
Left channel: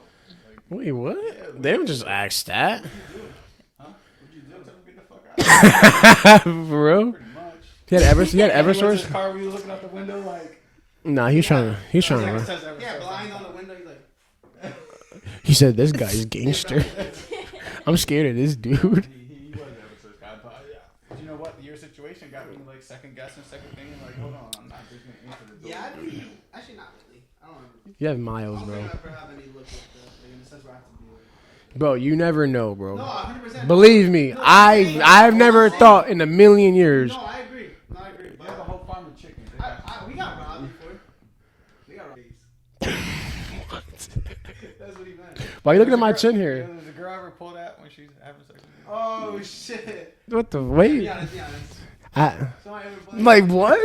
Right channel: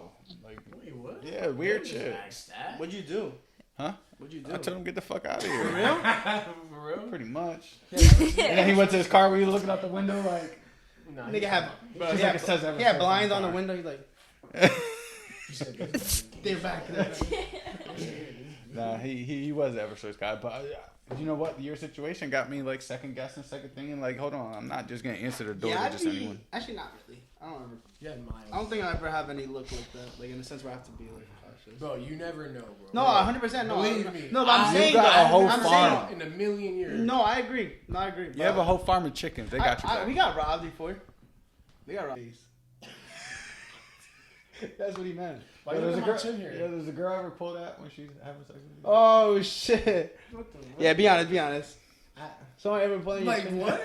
Wait, what? Yeah, we they had would just shit. ask that. What'd you do? Huh? What'd you do? I told him get the fuck out. For real? Pretty much. He had And he went to his Eversource? car when he was looking out the window like. Nah, he's trying to. Yeah, it says Eversource. Yeah, blinds on the window. He's like, He said, this guy's gangster. I'm scared of this dude. No, he was the Eversource guy, but You know what? Your situation got me like second guessing, second thinking. Like, hold on, I'm not just gonna answer the door. Yeah, to just anyone. actually not really. I don't ever. You have miles, I don't think bro. I ever have any look like that. Like in the sense where I have to be like. Bro, you never know, bro. No, 100%. Believe me, No, I've never thought in a million years. No, I agree. No, I agree. You have a whole farm of chickens. They got you. We got robbed before. We got robbed. That's what he meant. Why are you looking at my chin Yeah, here? does a girl ever pull that when she's having sex? Oh shit. What the Yeah, wait? be honest. Someone ever playing? Like what?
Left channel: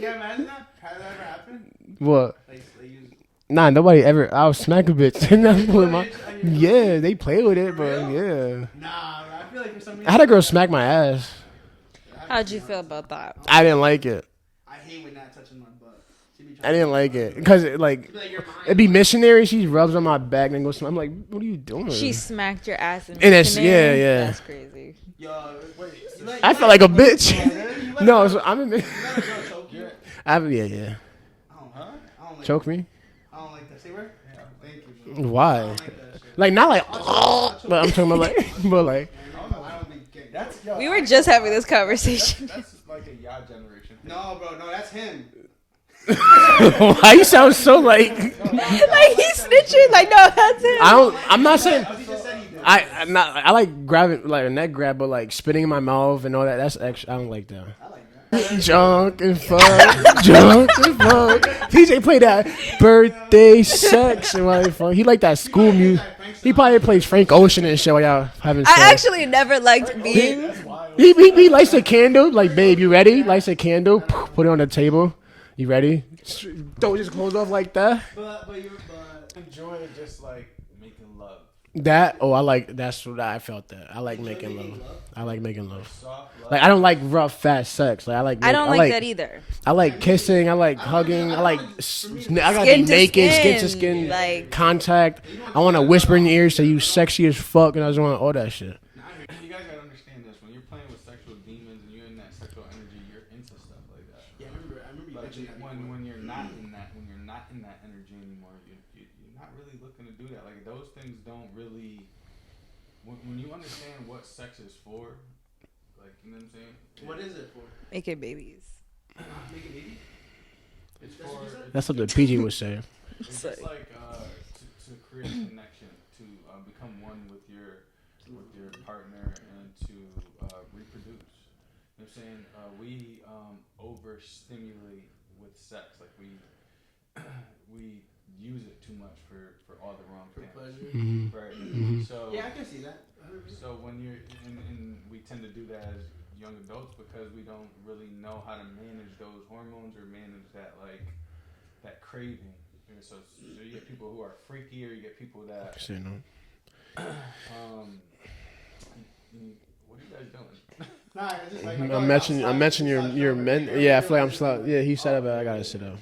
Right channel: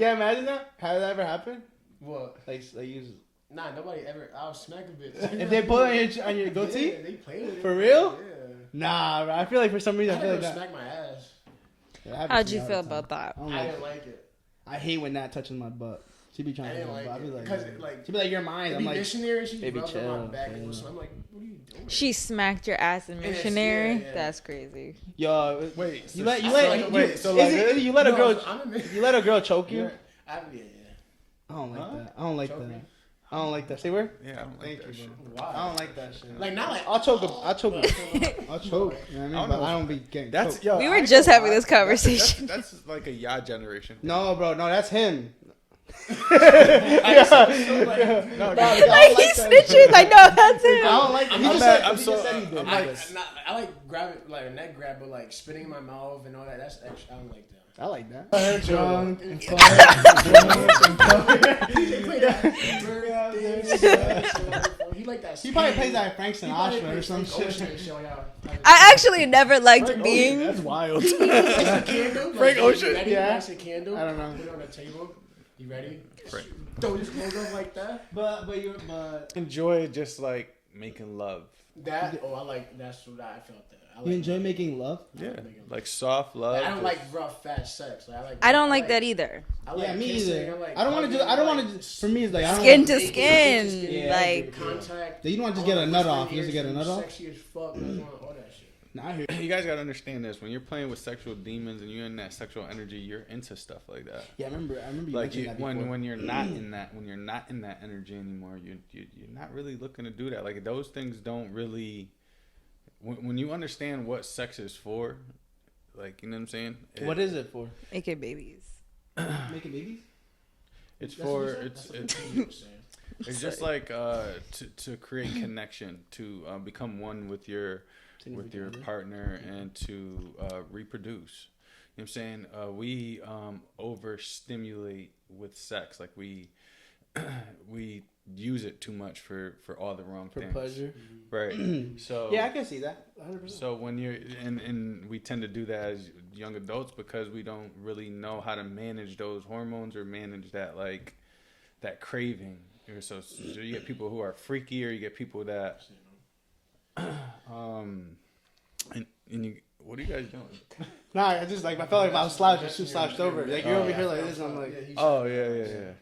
Yeah, imagine that. How did that ever happen? What? Like you. Nah, nobody ever. I'll smack a bitch. They pull it on your Yeah, goatee? they play with it, For bro. real? Yeah. Nah, bro, I feel like for some reason. I had a girl like smack my ass. How'd you feel about that? I didn't like it. I hate when that touches my butt. She be trying I didn't to like touch it my because butt. it like She be like, you're mine. it'd be I'm like, missionary. She Take a rubs on my chill. back and goes. I'm like, what are you doing? She smacked your ass in And it's- missionary? yeah. That's crazy. Yo, Wait, you let, I you feel let- like a you- bitch. so, like, you let a No, girl, so I'm. you let a girl choke you. Yeah. I don't like that. I don't like Choke that. me? I don't like that. Say where? Yeah, Thank you. Bro. I Why? don't like that shit. Like not like. I'll choke. But I'm talking about like. But like. You know what I mean? But I don't be getting that's choked. yo. We were just having this conversation. That's like a ya generation. No, bro. No, that's him. Why you sound so like? Like he's snitching. Like no, that's him. I don't. I'm not saying. He just said he did. I like grabbing like a neck grab, but like spitting in my mouth and all that. That's extra. I don't like that. I like that. Drunk and fun, drunk and fun. TJ played that birthday sex and like fun. He like that school music. He probably plays Frank Ocean and shit while y'all having sex. I actually never liked being. That's wild. He lights a candle. Like, babe, you ready? Lights a candle. Put it on the table. You ready? Don't just close up like that. But Enjoy just like making love. That I like. That's what I felt. That I like enjoy making making love. love. I like making love. Like soft love. Like I don't like rough, fast sex. Like I don't like that either. I like me kissing. either. I like I don't wanna hugging. do- I I don't like wanna just- for me, it's I like- don't Skin like to naked, skin, skin to skin, like- contact. You don't I want to get whisper in another your ear, off, say you you get another sexy as fuck, and I just want all that shit. Nah, I hear You guys gotta understand this. When you're playing with sexual demons and you're in that sexual energy, you're into stuff like that. Yeah, I remember you Like mentioned that before. when you're not in that energy anymore, you're not really looking to do that. Like those things don't really. When you understand what sex is for, like you know what I'm saying. What is it for? Making babies. Making babies? It's for. That's what the PG was saying. It's just like to create connection, to become one with your partner, and to reproduce. You know what I'm saying? We overstimulate with sex, like we use it too much for all the wrong For things. pleasure? Right. So Yeah, I can see that. 100%. so when you're and we tend to do that as young adults because we don't really know how to manage those hormones or manage that like that craving. So you get people who are freaky, or you get people that and you, what are you guys doing? Nah, I just like I feel I like mentioned your men. Yeah, I feel like I'm slow. Yeah, he said that. I gotta sit down.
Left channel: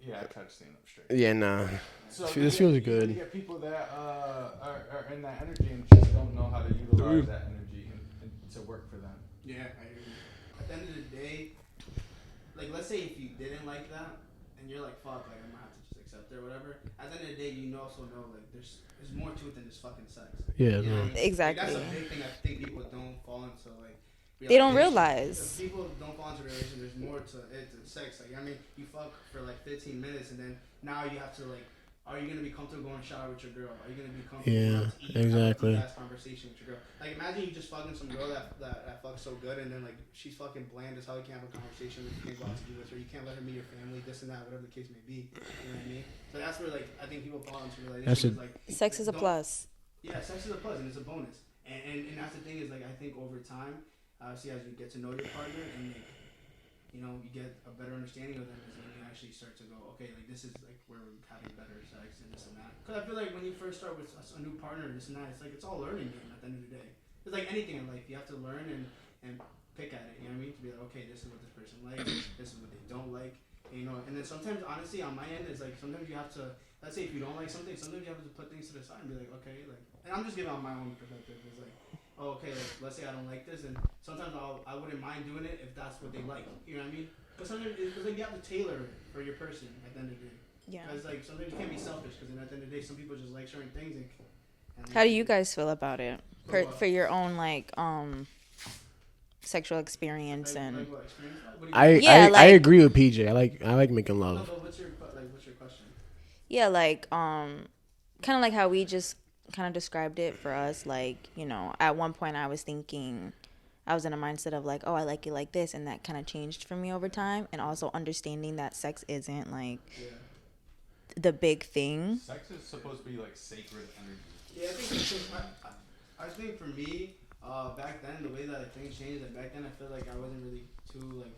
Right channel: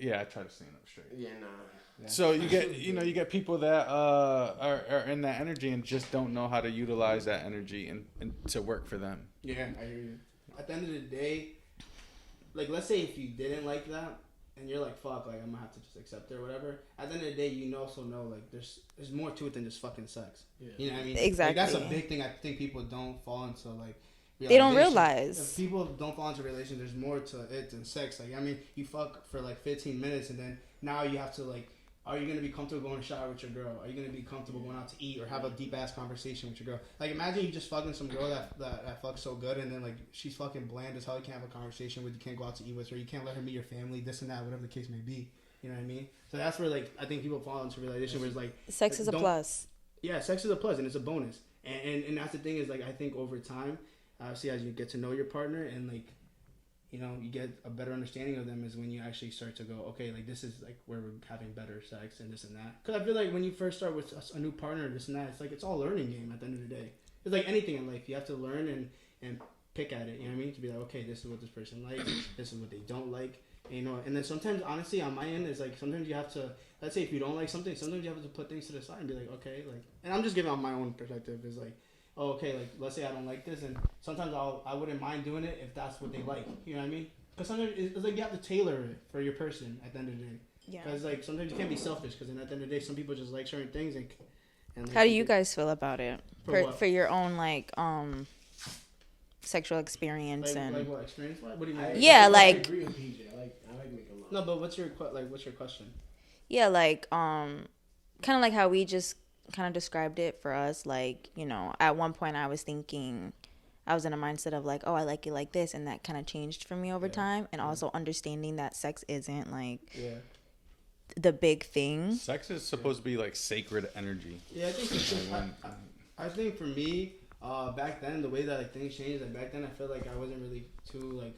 Yeah, I try to stand up straight. Yeah, nah. So This you feels get, good. you get people that are in that energy and just don't know how to utilize that energy and to work for them. Yeah, I hear you. At the end of the day, like let's say if you didn't like that and you're like, fuck, like I'm gonna have to just accept it or whatever. At the end of the day, you also know like there's more to it than just fucking sex. Yeah, You know what I mean? Exactly. Like, that's a big thing. I think people don't fall into like. They don't realize. realize. If people don't fall into relations, there's more to it than sex. Like I mean, you fuck for like 15 minutes and then now you have to like. Are you gonna be comfortable going to shower with your girl? Are you gonna be comfortable going out to eat and have a deep ass conversation with your girl? Like imagine you just fucking some girl that fucks so good and then like she's fucking bland as hell. You can't have a conversation with. You can't go out to eat with her. You can't let her meet your family. This and that, whatever the case may be. You know what I mean? So that's where like I think people fall into realization with like Sex is a plus. yeah, sex is a plus and it's a bonus. And that's the thing is like I think over time, obviously as you get to know your partner and like. You know, you get a better understanding of them is when you actually start to go, okay, like this is like where we're having better sex and this and that. Because I feel like when you first start with a new partner and this and that, it's like it's all learning game at the end of the day. It's like anything in life, you have to learn and pick at it. You know what I mean? To be like, okay, this is what this person likes, this is what they don't like. And, you know, and then sometimes, honestly, on my end, is like sometimes you have to. Let's say if you don't like something, sometimes you have to put things to the side and be like, okay, like. And I'm just giving on my own perspective. Is like. Oh, okay, like let's say I don't like this, and sometimes I wouldn't mind doing it if that's what they like. You know what I mean? Because sometimes it's like you have to tailor it for your person at the end of the day. Yeah. Because like sometimes you can't be selfish. Because at the end of the day, some people just like certain things. And How do you guys feel about it For what? for your own like sexual experience and like what experience? What do you I, mean? Yeah, I like- agree with PJ. I like making No, love. but what's your question? yeah, like kind of like how we just kind of described it for us. Like, you know, at one point I was thinking, I was in a mindset of like, oh, I like it like this, and that kind of changed for me over time, and also understanding that sex isn't like the big thing. Sex is supposed to be like sacred energy. Yeah, I think for me, back then the way that like things changed, like back then I feel like I wasn't really too like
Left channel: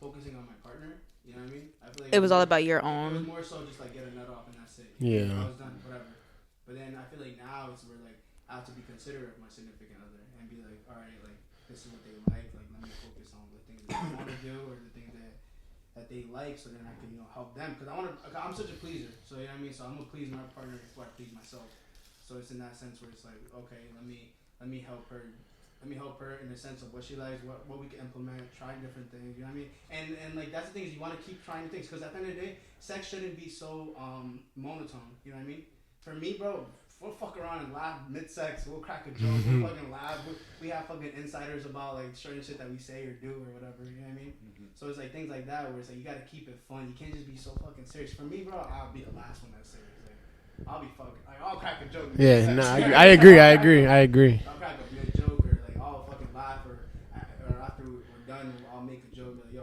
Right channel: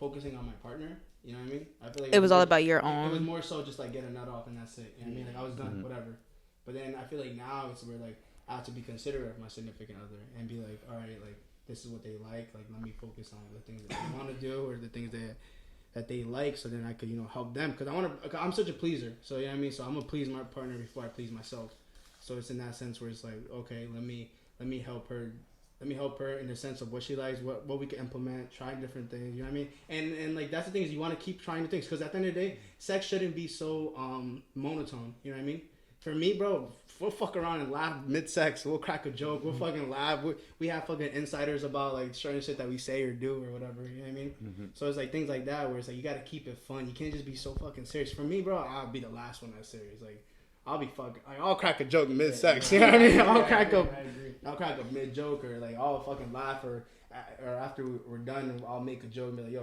focusing on my partner. You know what I mean? I feel like It was all more- about your It was own. more so just like get a nut off and that's it. Yeah. I was done, whatever. But then I feel like now it's where like I have to be considerate of my significant other and be like, all right, like this is what they like. Like let me focus on the things that I want to do or the things that they like, so then I could help them. Cause I'm such a pleaser. So you know what I mean. So I'm gonna please my partner before I please myself. So it's in that sense where it's like, okay, let me help her. Let me help her in the sense of what she likes, what we can implement, try different things. You know what I mean? And like that's the thing is you want to keep trying new things because at the end of the day, sex shouldn't be so monotone. You know what I mean? For me, bro, we'll fuck around and laugh mid-sex. We'll crack a joke. We'll fucking laugh. We have fucking insiders about like certain shit that we say or do or whatever. You know what I mean? So it's like things like that where it's like you gotta keep it fun. You can't just be so fucking serious. For me, bro, I'll be the last one that's serious. Like I'll be fucking. Like, I'll crack a joke mid-sex. Yeah, You know nah, what I mean? agree. I'll I agree. I'll crack a mid-joke or like I'll fucking laugh or after we're done, I'll make a joke like, yo,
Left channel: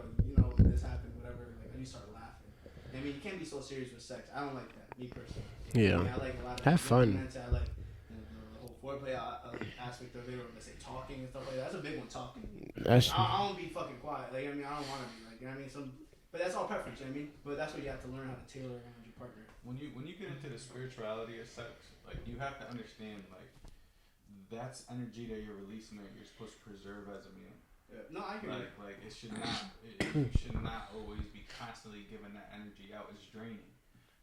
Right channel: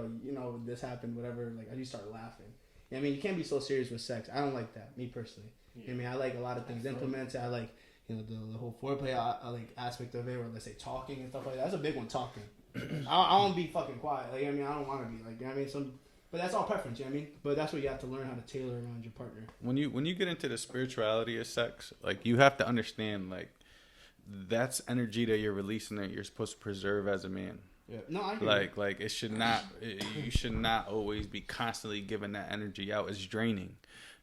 this happened, whatever. Like I just start laughing. I mean, you can't be so serious with sex. I don't like that, me personally. Yeah. I mean, I like a lot of Have things fun. implemented. I like the whole foreplay like, aspect of it, or let's say talking and stuff like that. That's a big one, talking. I don't want to be fucking quiet. Like I mean, I don't want to be like, you know what I mean? But that's all preference, you know what I mean? But that's what you have to learn how to tailor around your partner. When you get into the spirituality of sex, like you have to understand like that's energy that you're releasing that you're supposed to preserve as a man. Yeah. No, I agree. Like it should not you should not always be constantly giving that energy out. It's draining,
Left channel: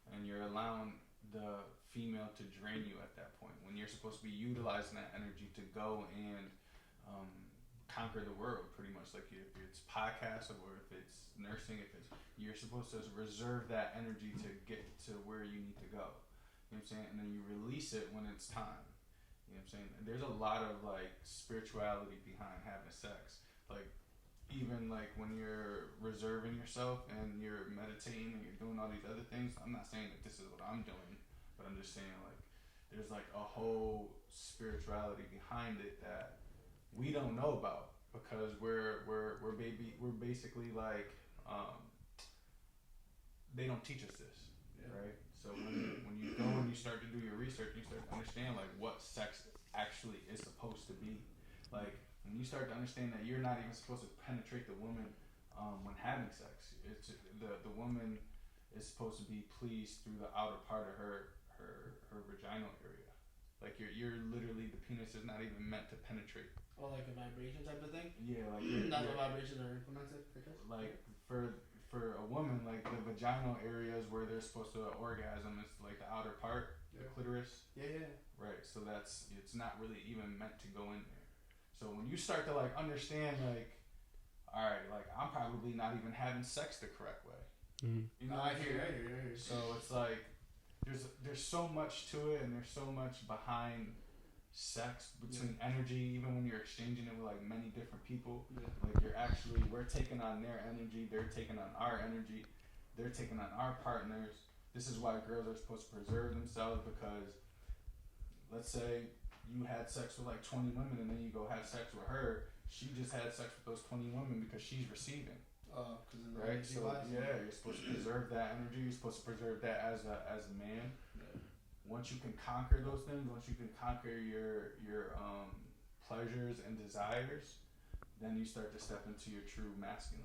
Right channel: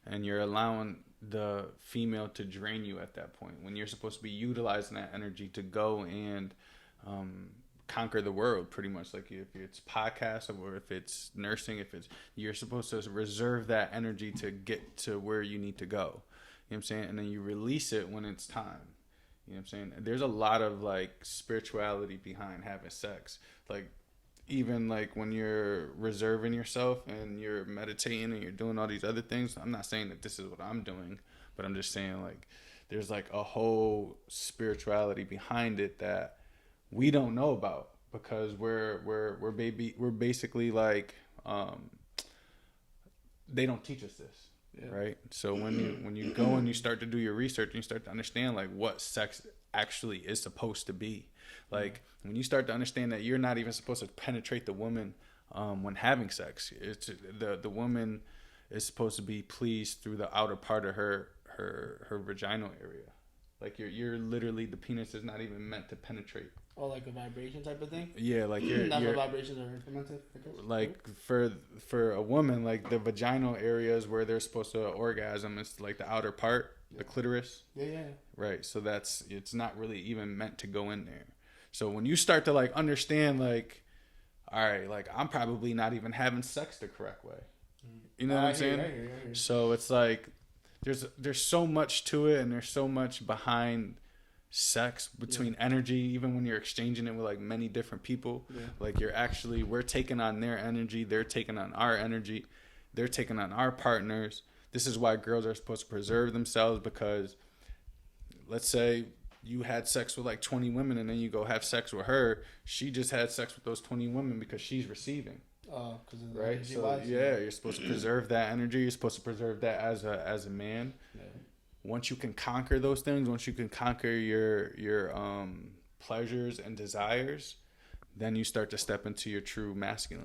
and you're allowing the female to drain you at that point when you're supposed to be utilizing that energy to go and conquer the world, pretty much. Like if it's podcast or if it's nursing, you're supposed to reserve that energy to get to where you need to go. You know what I'm saying? And then you release it when it's time. You know what I'm saying? There's a lot of like spirituality behind having sex. Like even like when you're reserving yourself and you're meditating and you're doing all these other things, I'm not saying that this is what I'm doing, but I'm just saying like there's like a whole spirituality behind it that we don't know about because we're basically like they don't teach us this, right? So when you go and you start to do your research and you start to understand like what sex actually is supposed to be, like when you start to understand that you're not even supposed to penetrate the woman when having sex, it's the woman is supposed to be pleased through the outer part of her vaginal area. Like you're literally, the penis is not even meant to penetrate. Oh, like a vibration type of thing? Yeah, like That's what vibrations are implemented. Like for a woman, like the vaginal area is where they're supposed to orgasm. It's like the outer part, the clitoris. Yeah. Right. So it's not really even meant to go in there. So when you start to like understand, like, all right, like I'm probably not even having sex the correct way. Mm-hmm. You know what I'm saying? Right. So it's like there's so much to it, and there's so much behind sex between energy, even when you're exchanging it with like many different people. Like we're taking on their energy, they're taking on our energy, they're taking on our partners. This is why girls are supposed to preserve themselves, because let's say you had sex with like 20 women and then you go have sex with her, she just had sex with those 20 women because she's receiving. Right? So you're supposed to preserve that energy, you're supposed to preserve that as a man. Once you can conquer those things, once you can conquer your pleasures and desires, then you start to step into your true masculine.